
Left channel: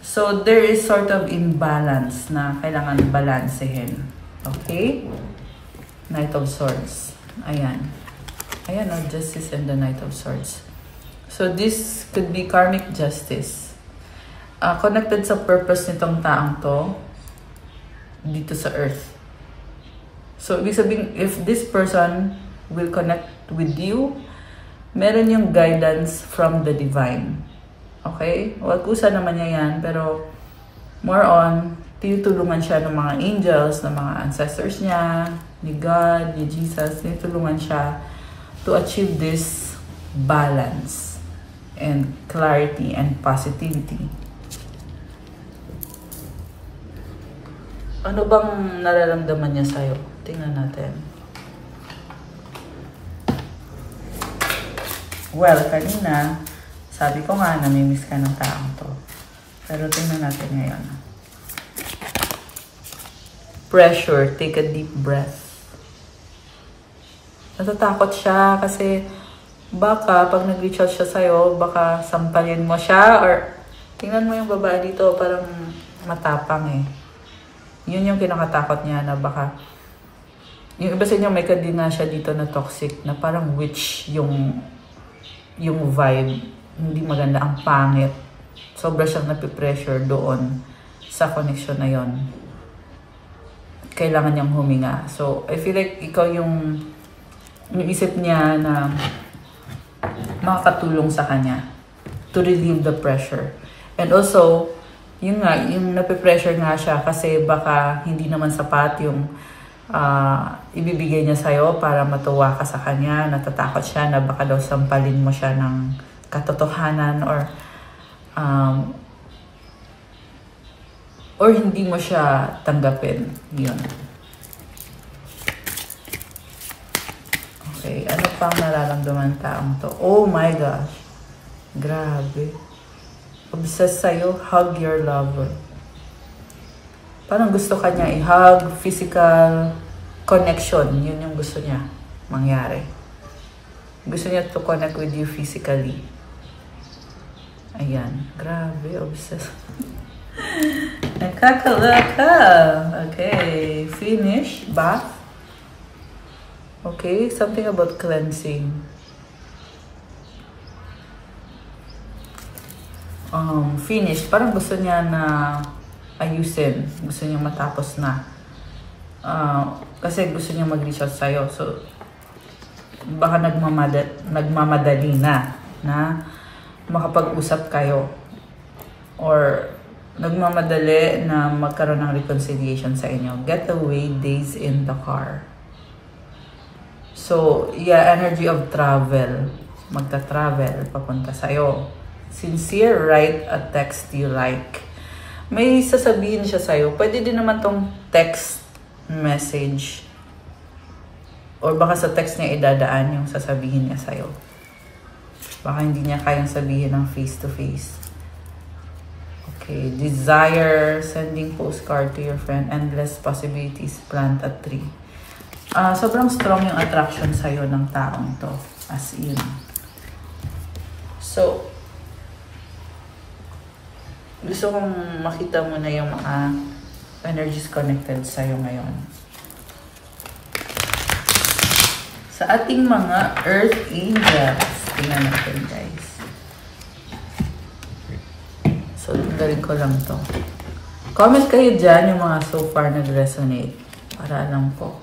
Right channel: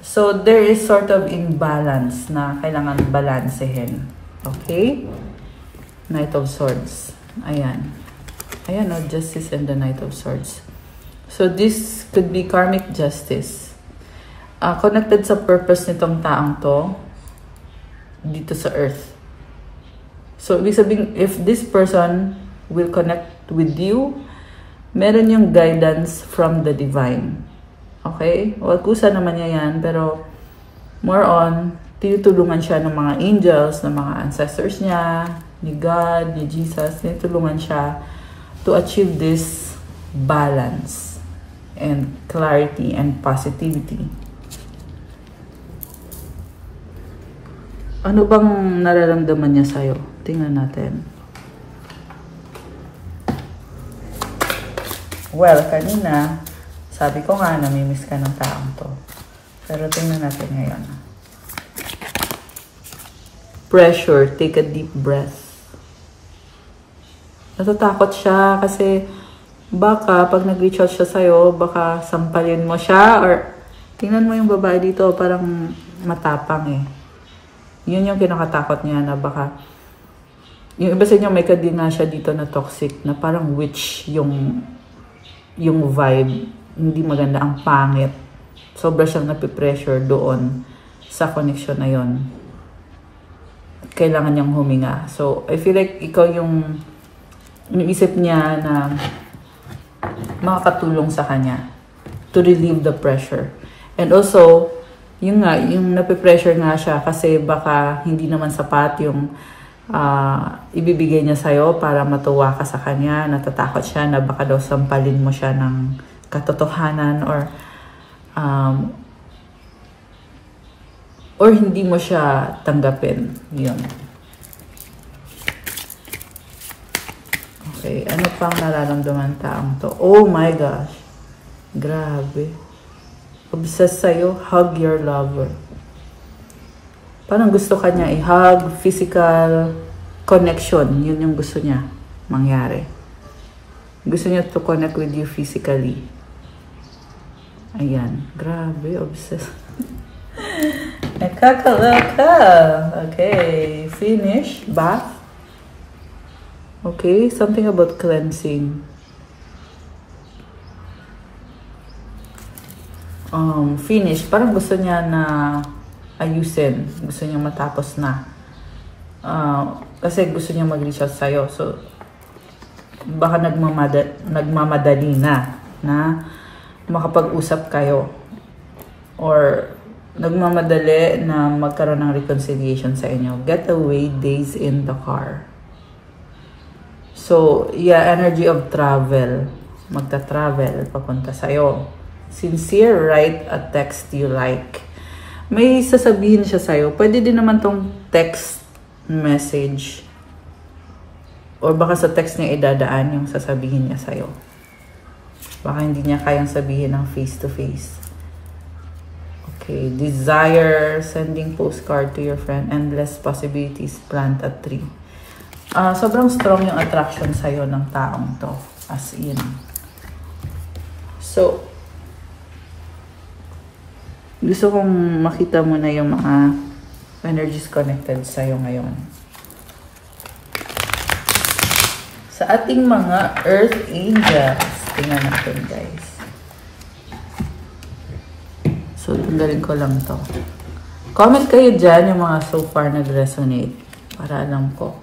So, there is sort of imbalance na kailangan balansehin. Okay? Knight of Swords. Ayan. Ayan, Justice and the Knight of Swords. So, this could be karmic justice. Connected sa purpose nitong taong to dito sa earth. So, ibig sabihin, if this person will connect with you, meron yung guidance from the divine. Okay? Well, kusa naman niya yan, pero more on, tinutulungan siya ng mga angels, ng mga ancestors niya, ni God, ni Jesus, tinutulungan siya to achieve this balance and clarity and positivity. Ano bang nararamdaman niya sa'yo? Tingnan natin. Well, kanina, sabi ko nga, namimiss ka ng taong to. Pero tingnan natin ngayon. Pressure. Take a deep breath. Natatakot siya kasi baka pag nag-reach out siya sa'yo, baka sampalin mo siya or tingnan mo yung babae dito, parang matapang eh. Yun yung kinakatakot niya na baka, yung iba sa inyo may kadina siya dito na toxic, na parang witch yung vibe. Hindi maganda, ang pangit. Sobra siyang napipressure doon sa connection na yon. Kailangan niyang huminga. So, I feel like ikaw yung isip niya na makakatulong sa kanya to relieve the pressure. And also, yung napipressure nga siya kasi baka hindi naman sapat yung ibibigay niya sa'yo para matuwa ka sa kanya. Natatakot siya na baka daw sampalin mo siya ng katotohanan or hindi mo siya tanggapin. Yun. Okay, ano pang nararamdaman taong to? Oh my gosh. Grabe. Obsessed sa'yo, hug your lover. Parang gusto ka niya i-hug, physical connection. Yun yung gusto niya mangyari. Gusto niya to connect with you physically. Ayan. Grabe, obsessed. Nakakalaka. Okay. Finish. Bath. Okay. Something about cleansing. Finish. Parang gusto niya na ayusin. Gusto niya matapos na. Kasi gusto niya mag-reach out sa'yo. So, baka nagmamadali na makapag-usap kayo. Or nagmamadali na magkaroon ng reconciliation sa inyo. Getaway days in the car. So, yeah, energy of travel. Magta-travel papunta sa'yo. Sincere, write a text you like. May sasabihin siya sa'yo. Pwede din naman tong text message. Or baka sa text niya idadaan yung sasabihin niya sa'yo. Baka hindi niya kayang sabihin ng face-to-face. Okay. Desire, sending postcard to your friend. Endless possibilities, plant a tree. Sobrang strong yung attraction sa'yo ng taong to. As in. So, gusto kong makita mo na yung mga energies connected sa'yo ngayon. Sa ating mga Earth Angels. Tingnan natin, guys. So, tanggalin ko lang to. Comment kayo dyan yung mga so far nag-resonate. Para alam ko.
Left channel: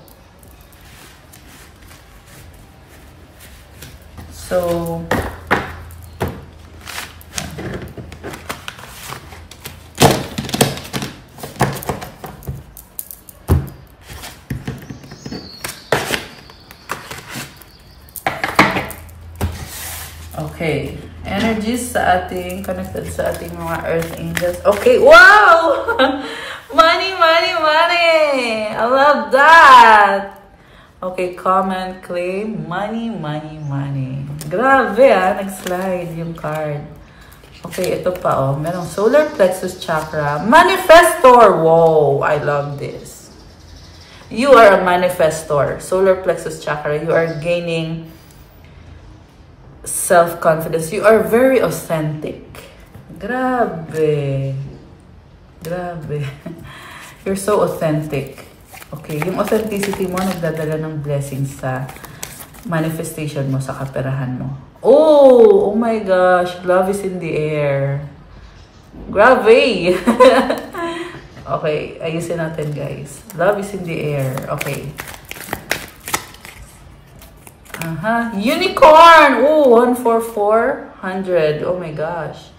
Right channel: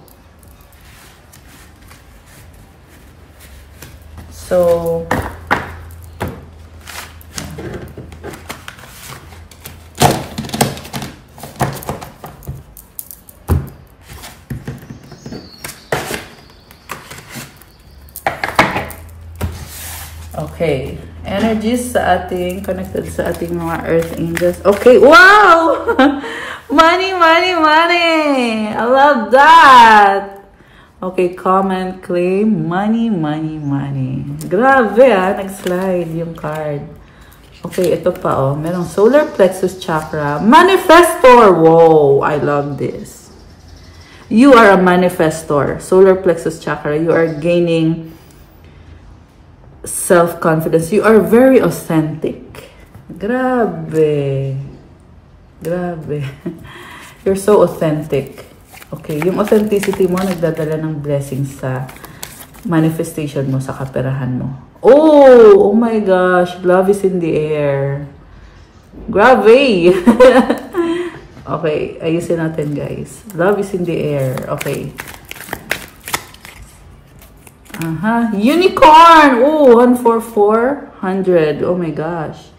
So, okay. Energies sa ating, connected sa ating mga Earth Angels. Okay. Wow! Money, money, money! I love that! Okay, comment, claim, money, money, money. Grabe nag-slide yung card. Okay, ito pa merong solar plexus chakra. Manifestor! Wow! I love this. You are a manifestor. Solar plexus chakra. You are gaining self-confidence. You are very authentic. Grabe. Grabe. You're so authentic. Okay, yung authenticity mo nagdadala ng blessings sa manifestation mo, sa kaperahan mo. Oh my gosh, love is in the air. Grabe. Okay, ayusin natin, guys. Love is in the air. Okay. Unicorn! Oh, 144, 100. Oh my gosh.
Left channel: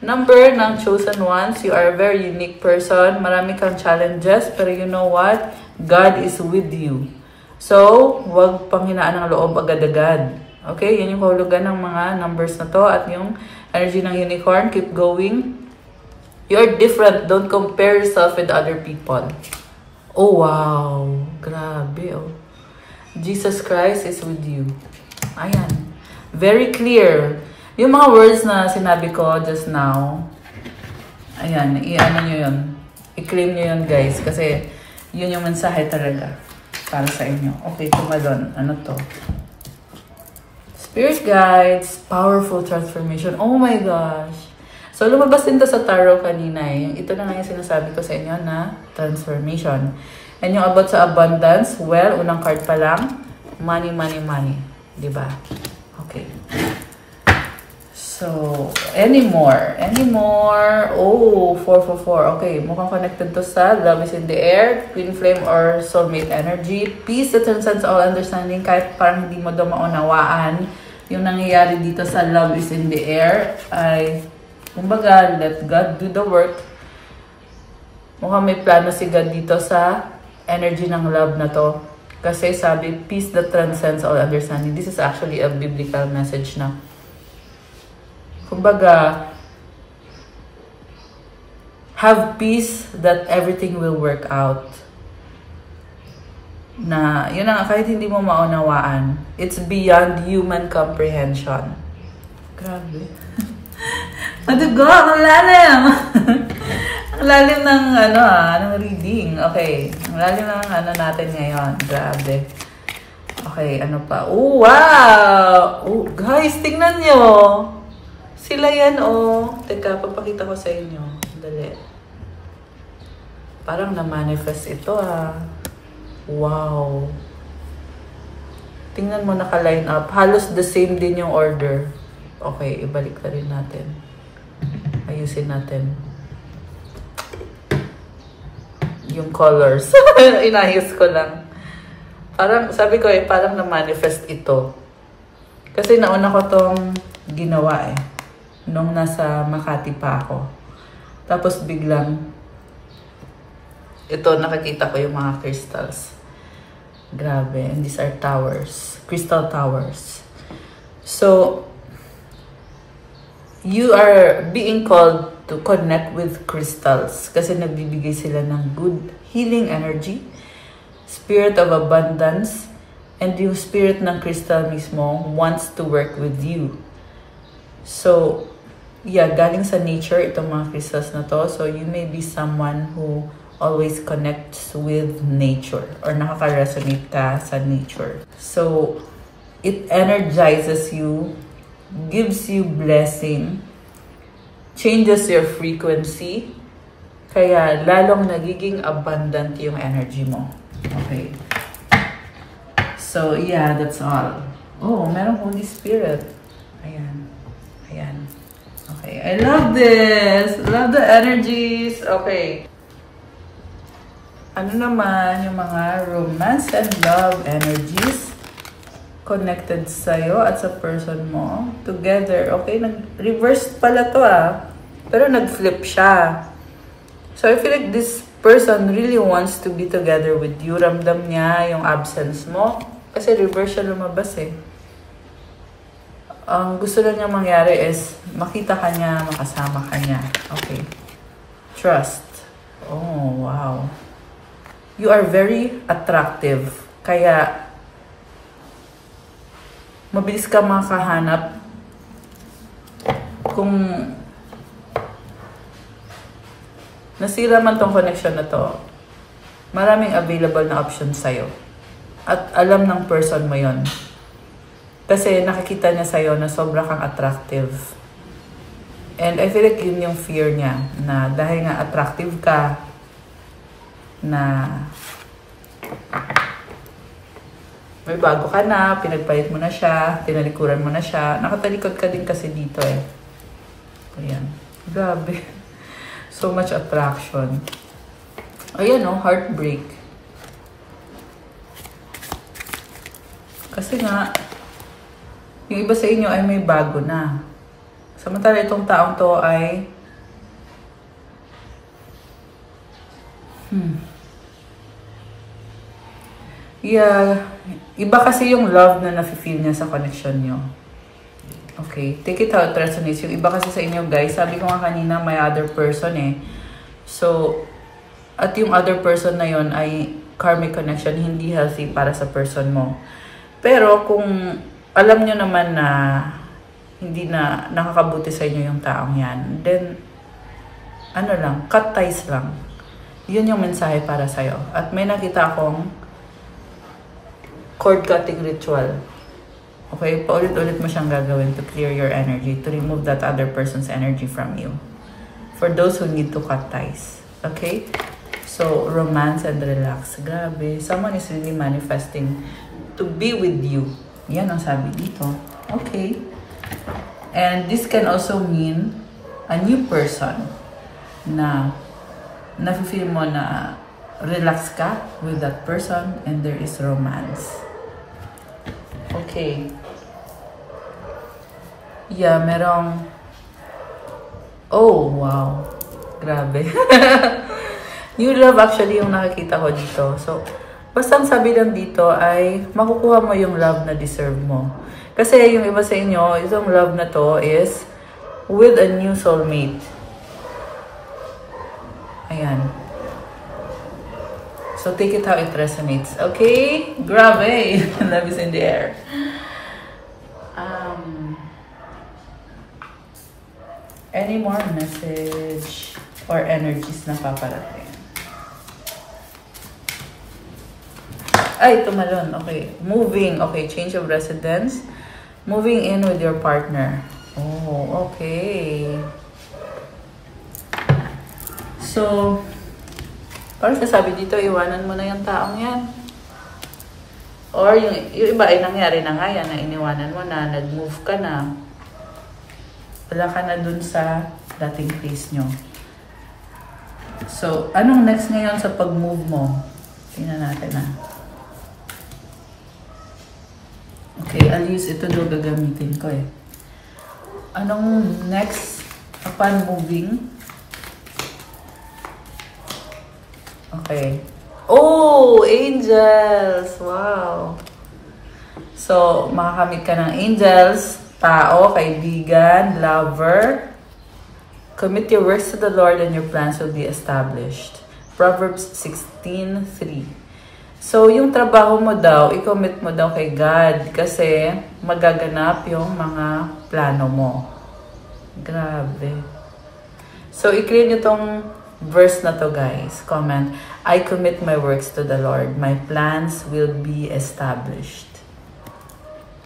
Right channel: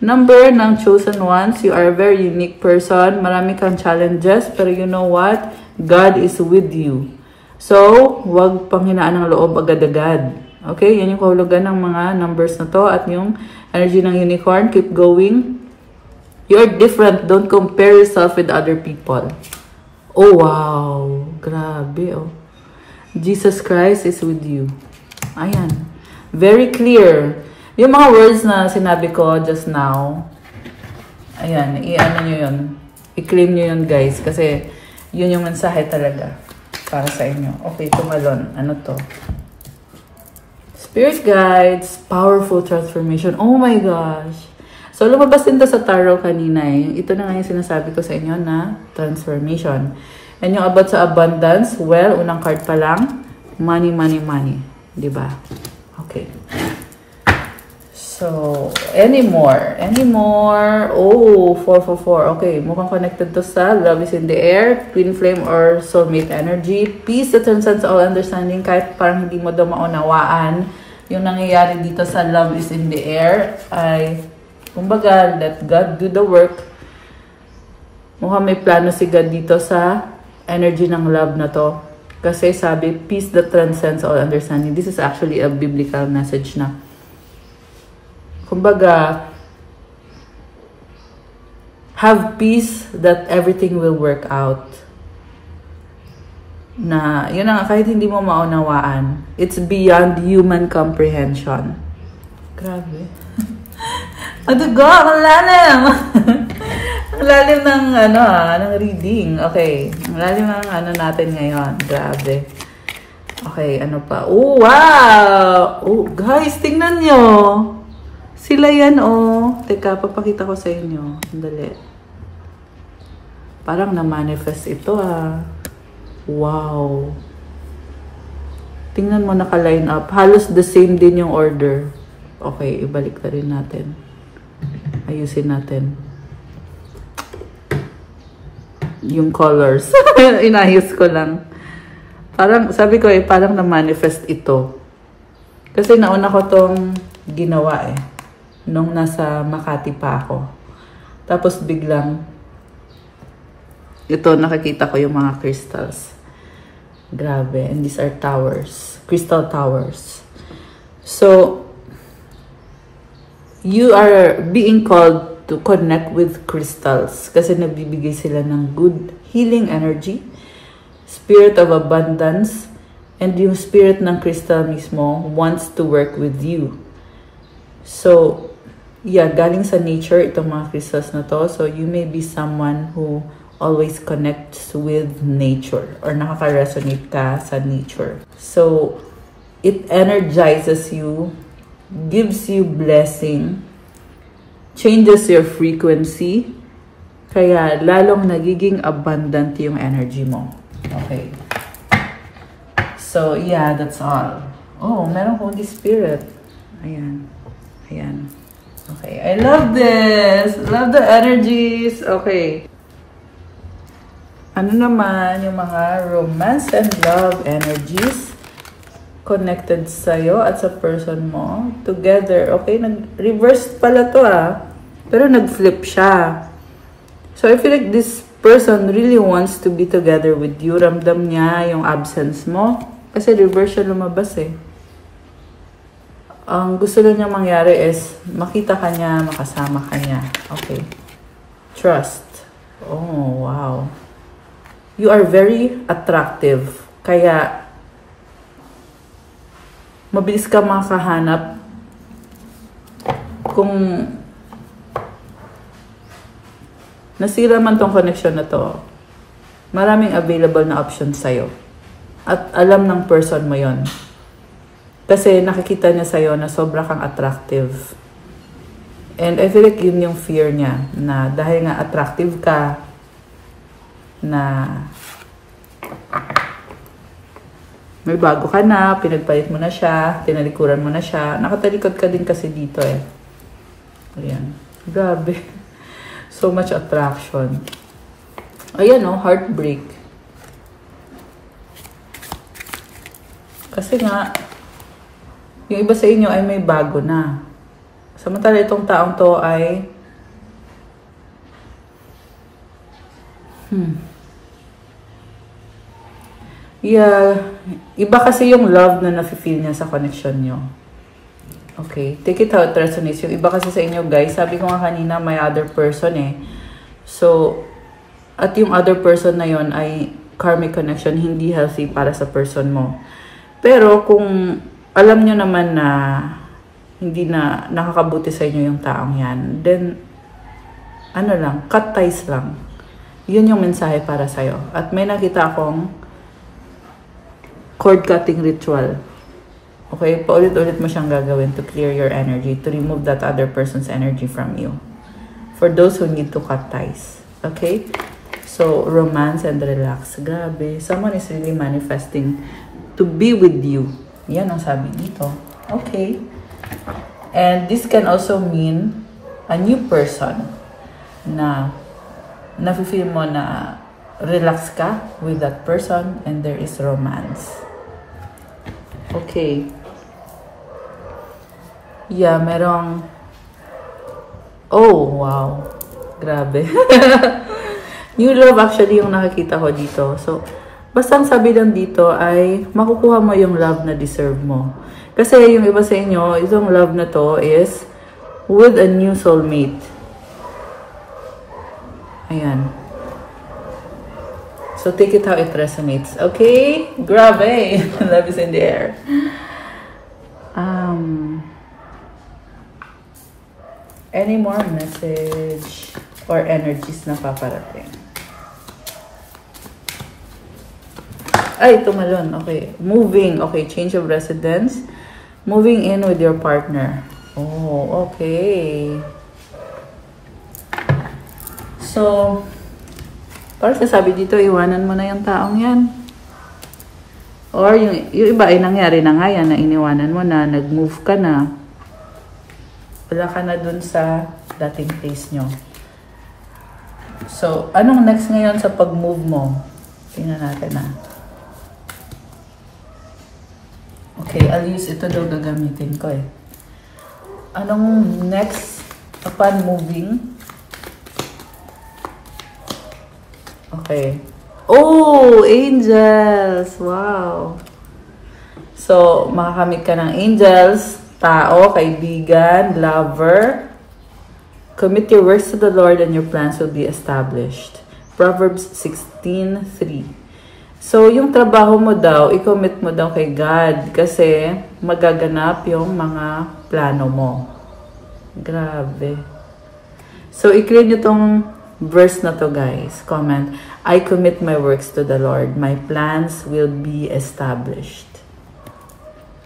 Number ng chosen ones, you are a very unique person. Marami kang challenges, pero you know what? God is with you. So, huwag panghinaan ng loob agad-agad. Okay? Yan yung kahulugan ng mga numbers na to at yung energy ng unicorn. Keep going. You're different. Don't compare yourself with other people. Oh, wow. Grabe, Jesus Christ is with you. Ayan. Very clear. Yung mga words na sinabi ko just now, ayan, i-ano nyo yun. I-claim nyo yun, guys. Kasi yun yung mensahe talaga para sa inyo. Okay, tumalon. Ano to? Spirit guides, powerful transformation. Oh my gosh. So, lumabas din to sa tarot kanina eh. Ito na nga yung sinasabi ko sa inyo na transformation. And yung about sa abundance, well, unang card pa lang, money, money, money. Diba? Okay. So, anymore. Oh, 444. Okay, mukhang connected to sa love is in the air, twin flame or soulmate energy. Peace that transcends all understanding. Kahit parang hindi mo daw maunawaan yung nangyayari dito sa love is in the air, ay, kumbaga, let God do the work. Mukhang may plano si God dito sa energy ng love na to. Kasi sabi, peace that transcends all understanding. This is actually a biblical message na. Kumbaga, have peace that everything will work out. Na, yun nga, kahit hindi mo maunawaan, it's beyond human comprehension. Grabe. Adigo, ang lalim! Ang lalim ng, ng reading. Okay, ang lalim ng natin ngayon. Grabe. Okay, ano pa? Oh, wow! Oh, guys, tingnan nyo! Sila yan, oh. Teka, papakita ko sa inyo. Dali. Parang na-manifest ito, ah. Wow. Tingnan mo naka-line up. Halos the same din yung order. Okay, ibalik na rin natin. Ayusin natin. Yung colors. Inayos ko lang. Parang, sabi ko eh, parang na-manifest ito. Kasi nauna ko tong ginawa eh. Nung nasa Makati pa ako. Tapos biglang, ito nakikita ko yung mga crystals. Grabe. And these are towers. Crystal towers. So, you are being called to connect with crystals. Kasi nagbibigay sila ng good healing energy. Spirit of abundance. And yung spirit ng crystal mismo wants to work with you. So, yeah, galing sa nature itong mga crystals na to. So, you may be someone who always connects with nature or nakaka-resonate ka sa nature. So, it energizes you, gives you blessing, changes your frequency, kaya lalong nagiging abundant yung energy mo. Okay. So, yeah, that's all. Oh, meron Holy Spirit. Ayan. Ayan. Okay, I love this. Love the energies. Okay. Ano naman yung mga romance and love energies connected sa'yo at sa person mo together. Okay, nag-reverse pala to ah. Pero nag-flip siya. So I feel like this person really wants to be together with you. Ramdam niya yung absence mo. Kasi reverse siya lumabas eh. Ang gusto lang niya mangyari is makita ka niya, makasama ka niya. Okay. Trust. Oh, wow. You are very attractive. Kaya, mabilis ka makahanap kung nasira man tong connection na to, maraming available na options sa'yo. At alam ng person mo yon. Kasi nakikita niya sa'yo na sobra kang attractive. And I feel like yun yung fear niya, na dahil nga attractive ka, na may bago ka na, pinagpalit mo na siya, tinalikuran mo na siya. Nakatalikod ka din kasi dito eh. Ayan. Grabe. So much attraction. Ayan o, heartbreak. Kasi nga, yung iba sa inyo ay may bago na. Samantala itong taong to ay yeah, iba kasi yung love na nafe-feel niya sa connection nyo. Okay, take it how it resonates. Yung iba kasi sa inyo guys, sabi ko nga kanina may other person eh. So, at yung other person na yon ay karmic connection, hindi healthy para sa person mo. Pero kung alam nyo naman na hindi na nakakabuti sa inyo yung taong yan, then ano lang, cut ties lang. Yun yung mensahe para sa'yo. At may nakita akong cord cutting ritual. Okay? Paulit-ulit mo siyang gagawin to clear your energy, to remove that other person's energy from you. for those who need to cut ties. Okay? So, romance and relax. Grabe. Someone is really manifesting to be with you. Yan ang sabi dito. Okay. And this can also mean a new person na nafe-feel mo na relax ka with that person and there is romance. Okay. Yeah, merong... Oh, wow. Grabe. New love actually yung nakakita ko dito. So, basta ang sabi lang dito ay makukuha mo yung love na deserve mo. Kasi yung iba sa inyo, itong love na to is with a new soulmate. Ayan. So, take it how it resonates. Okay? Grabe! Love is in the air. Any more message or energies na paparating? Ay, ito na lang. Okay. Moving. Okay. Change of residence. Moving in with your partner. Oh, okay. So, parang sasabi dito, iwanan mo na yung taong yan. Or yung iba ay nangyari na nga yan, na iniwanan mo na, nag-move ka na. Wala ka na dun sa dating place nyo. So, anong next ngayon sa pag-move mo? Tingnan natin na. Okay, I'll use ito daw gagamitin ko eh. Anong next upon moving? Okay. Oh, angels! Wow! So, makakamit ka ng angels, tao, kaibigan, lover. Commit your works to the Lord and your plans will be established. Proverbs 16:3. So, yung trabaho mo daw, i-commit mo daw kay God kasi magaganap yung mga plano mo. Grabe. So, i-clear nyo tong verse na to, guys. Comment, I commit my works to the Lord. My plans will be established.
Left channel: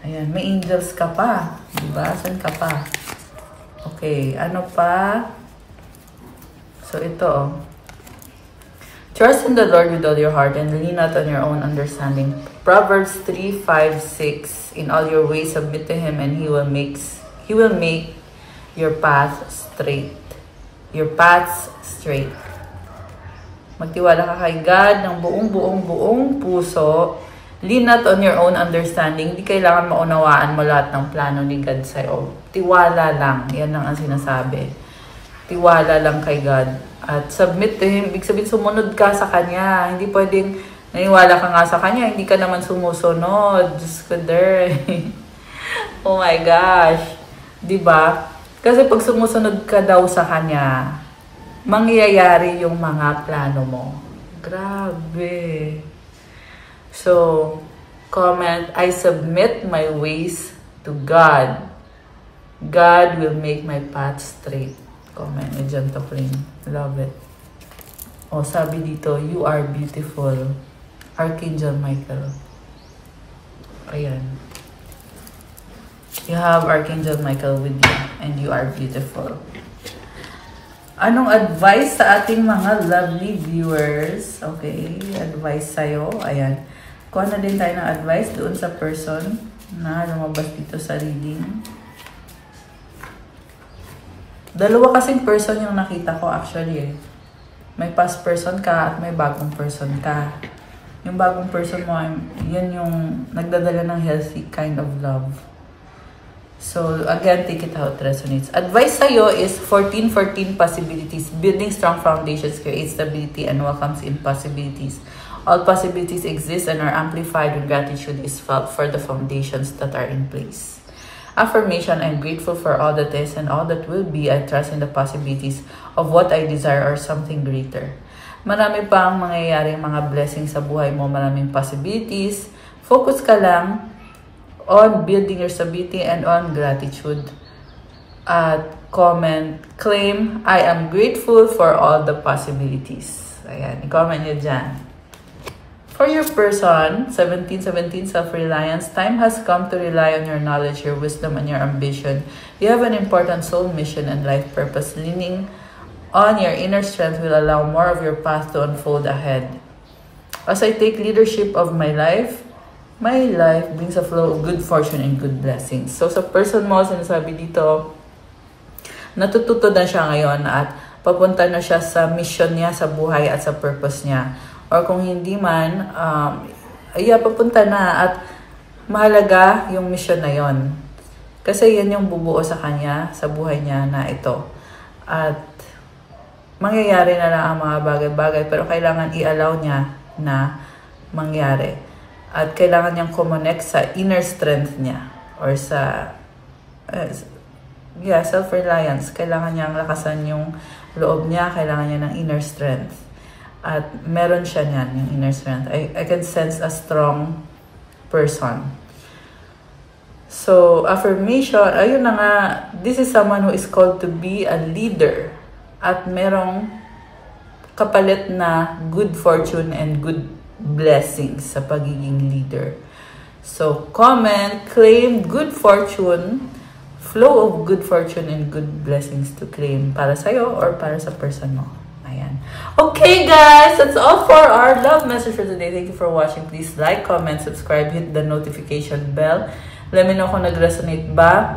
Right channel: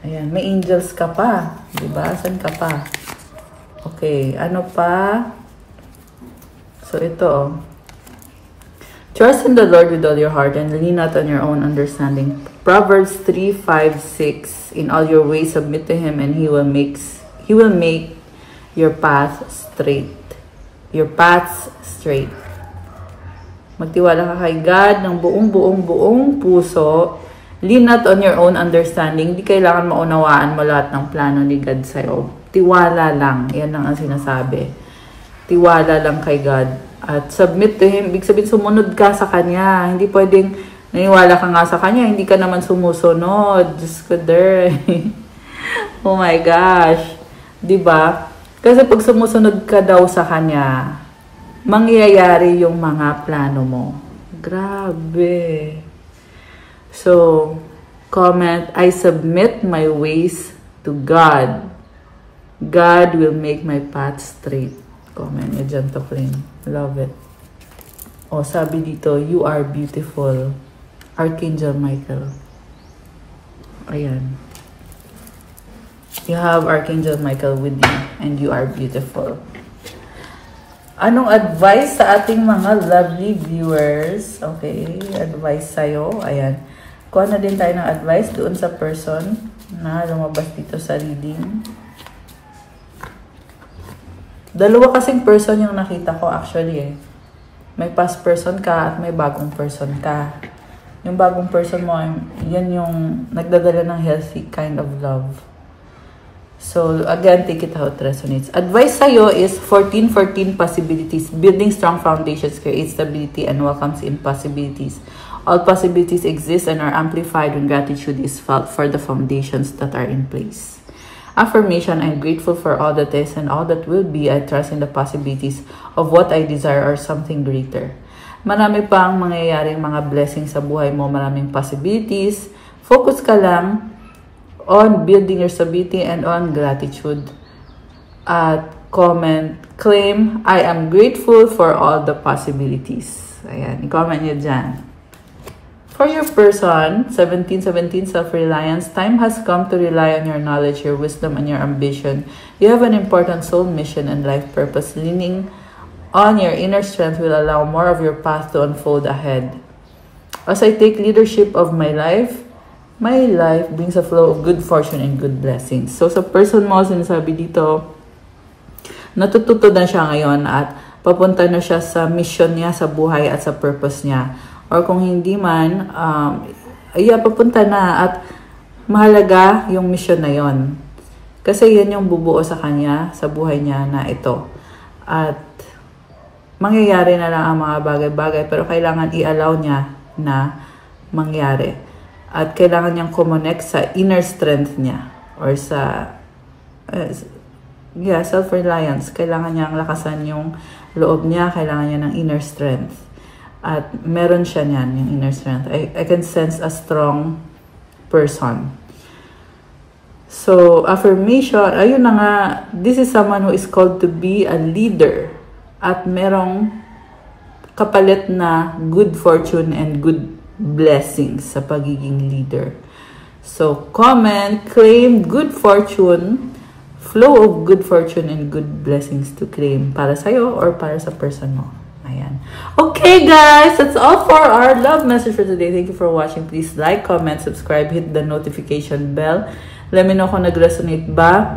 Ayan, may angels ka pa. Diba? Saan ka pa? Okay, ano pa? So, ito. Trust in the Lord with all your heart and lean not on your own understanding. Proverbs 3:5-6. In all your ways submit to Him and He will make your path straight. Your paths straight. Magtiwala ka kay God ng buong puso. Lean not on your own understanding. Hindi kailangan maunawaan mo lahat ng plano ni God sa'yo. Tiwala lang. Yan ang sinasabi. Tiwala lang kay God. At submit to Him. Ibig sabihin, sumunod ka sa Kanya. Hindi pwedeng naniwala ka nga sa Kanya. Hindi ka naman sumusunod. Diyos ko, oh my gosh. Diba? Kasi pag sumusunod ka daw sa Kanya, mangyayari yung mga plano mo. Grabe. So, comment, I submit my ways to God. God will make my path straight. Comment nyo dyan to friend. Love it. O, sabi dito, you are beautiful. Archangel Michael. Ayan. You have Archangel Michael with you and you are beautiful. Anong advice sa ating mga lovely viewers? Okay, advice sa'yo. Ayan. Kuha na din tayo ng advice doon sa person na lumabas dito sa reading. Dalawa kasing person yung nakita ko actually eh. May past person ka at may bagong person ka. Yung bagong person mo, yan yung nagdadala ng healthy kind of love. So, again, take it how it resonates. Advice sa'yo is 14 possibilities. Building strong foundations creates stability and welcomes in possibilities. All possibilities exist and are amplified when gratitude is felt for the foundations that are in place. Affirmation, I'm grateful for all that is and all that will be. I trust in the possibilities of what I desire or something greater. Marami pang mangyayaring mga blessings sa buhay mo, maraming possibilities. Focus ka lang on building your stability and on gratitude. At comment, claim, I am grateful for all the possibilities. Ayan, i-comment nyo dyan. For your person, 1717 self-reliance, time has come to rely on your knowledge, your wisdom, and your ambition. You have an important soul mission and life purpose. Leaning on, your inner strength will allow more of your path to unfold ahead. As I take leadership of my life brings a flow of good fortune and good blessings. So sa person mo, sinasabi dito, natututo na siya ngayon at papunta na siya sa mission niya, sa buhay at sa purpose niya. Or kung hindi man, papunta na at mahalaga yung mission na yon. Kasi yan yung bubuo sa kanya, sa buhay niya na ito. At mangyayari na lang ang mga bagay-bagay pero kailangan i-allow niya na mangyari. At kailangan niyang kumonect sa inner strength niya or sa self-reliance. Kailangan niyang lakasan yung loob niya, kailangan niya ng inner strength. At meron siya niyan, yung inner strength. I can sense a strong person. So, affirmation, ayun na nga, this is someone who is called to be a leader. At merong kapalit na good fortune and good blessings sa pagiging leader. So, comment, claim good fortune, flow of good fortune and good blessings to claim para sa'yo or para sa person mo. Ayan. Okay guys, that's all for our love message for today. Thank you for watching. Please like, comment, subscribe, hit the notification bell. Let me know kung nag-resonate ba.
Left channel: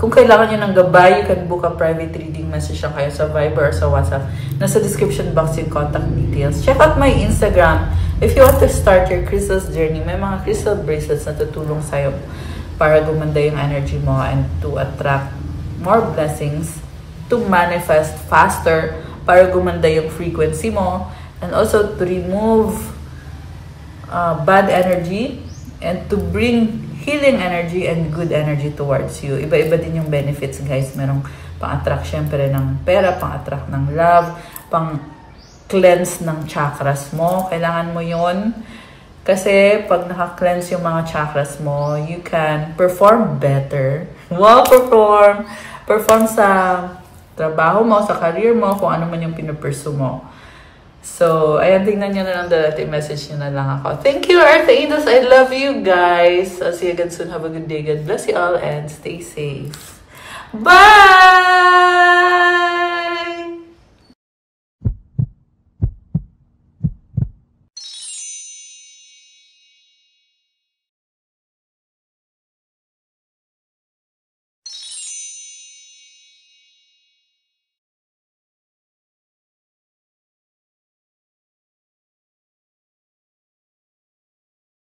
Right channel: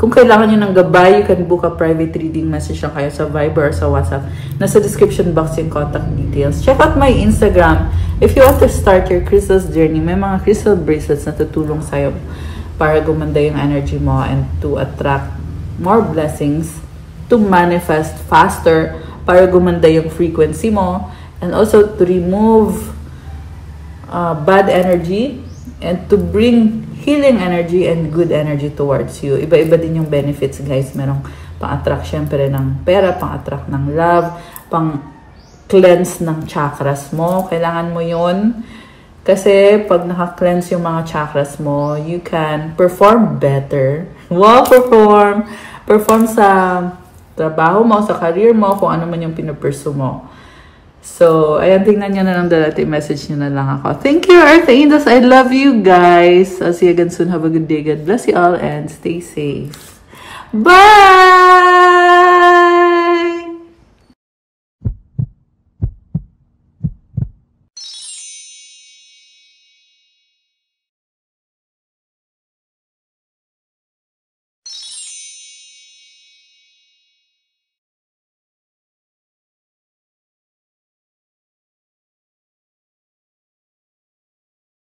Kung kailangan nyo ng gabay, you can book a private reading message lang kayo sa Viber or sa WhatsApp. Nasa description box yung contact details. Check out my Instagram. If you want to start your crystals journey, may mga crystal bracelets na tutulong sa'yo para gumanda yung energy mo and to attract more blessings, to manifest faster, para gumanda yung frequency mo, and also to remove bad energy and to bring healing energy and good energy towards you. Iba-iba din yung benefits, guys. Merong pang-attract syempre ng pera, pang-attract ng love, pang-cleanse ng chakras mo. Kailangan mo yun. Kasi pag naka-cleanse yung mga chakras mo, you can perform better. Wow, perform! Perform sa trabaho mo, sa career mo, kung ano man yung pinupursue mo. So, ayan, tingnan nyo na lang dati. Message nyo na lang ako. Thank you, Earth Angels. I love you guys. I'll see you again soon. Have a good day. God bless you all and stay safe. Bye!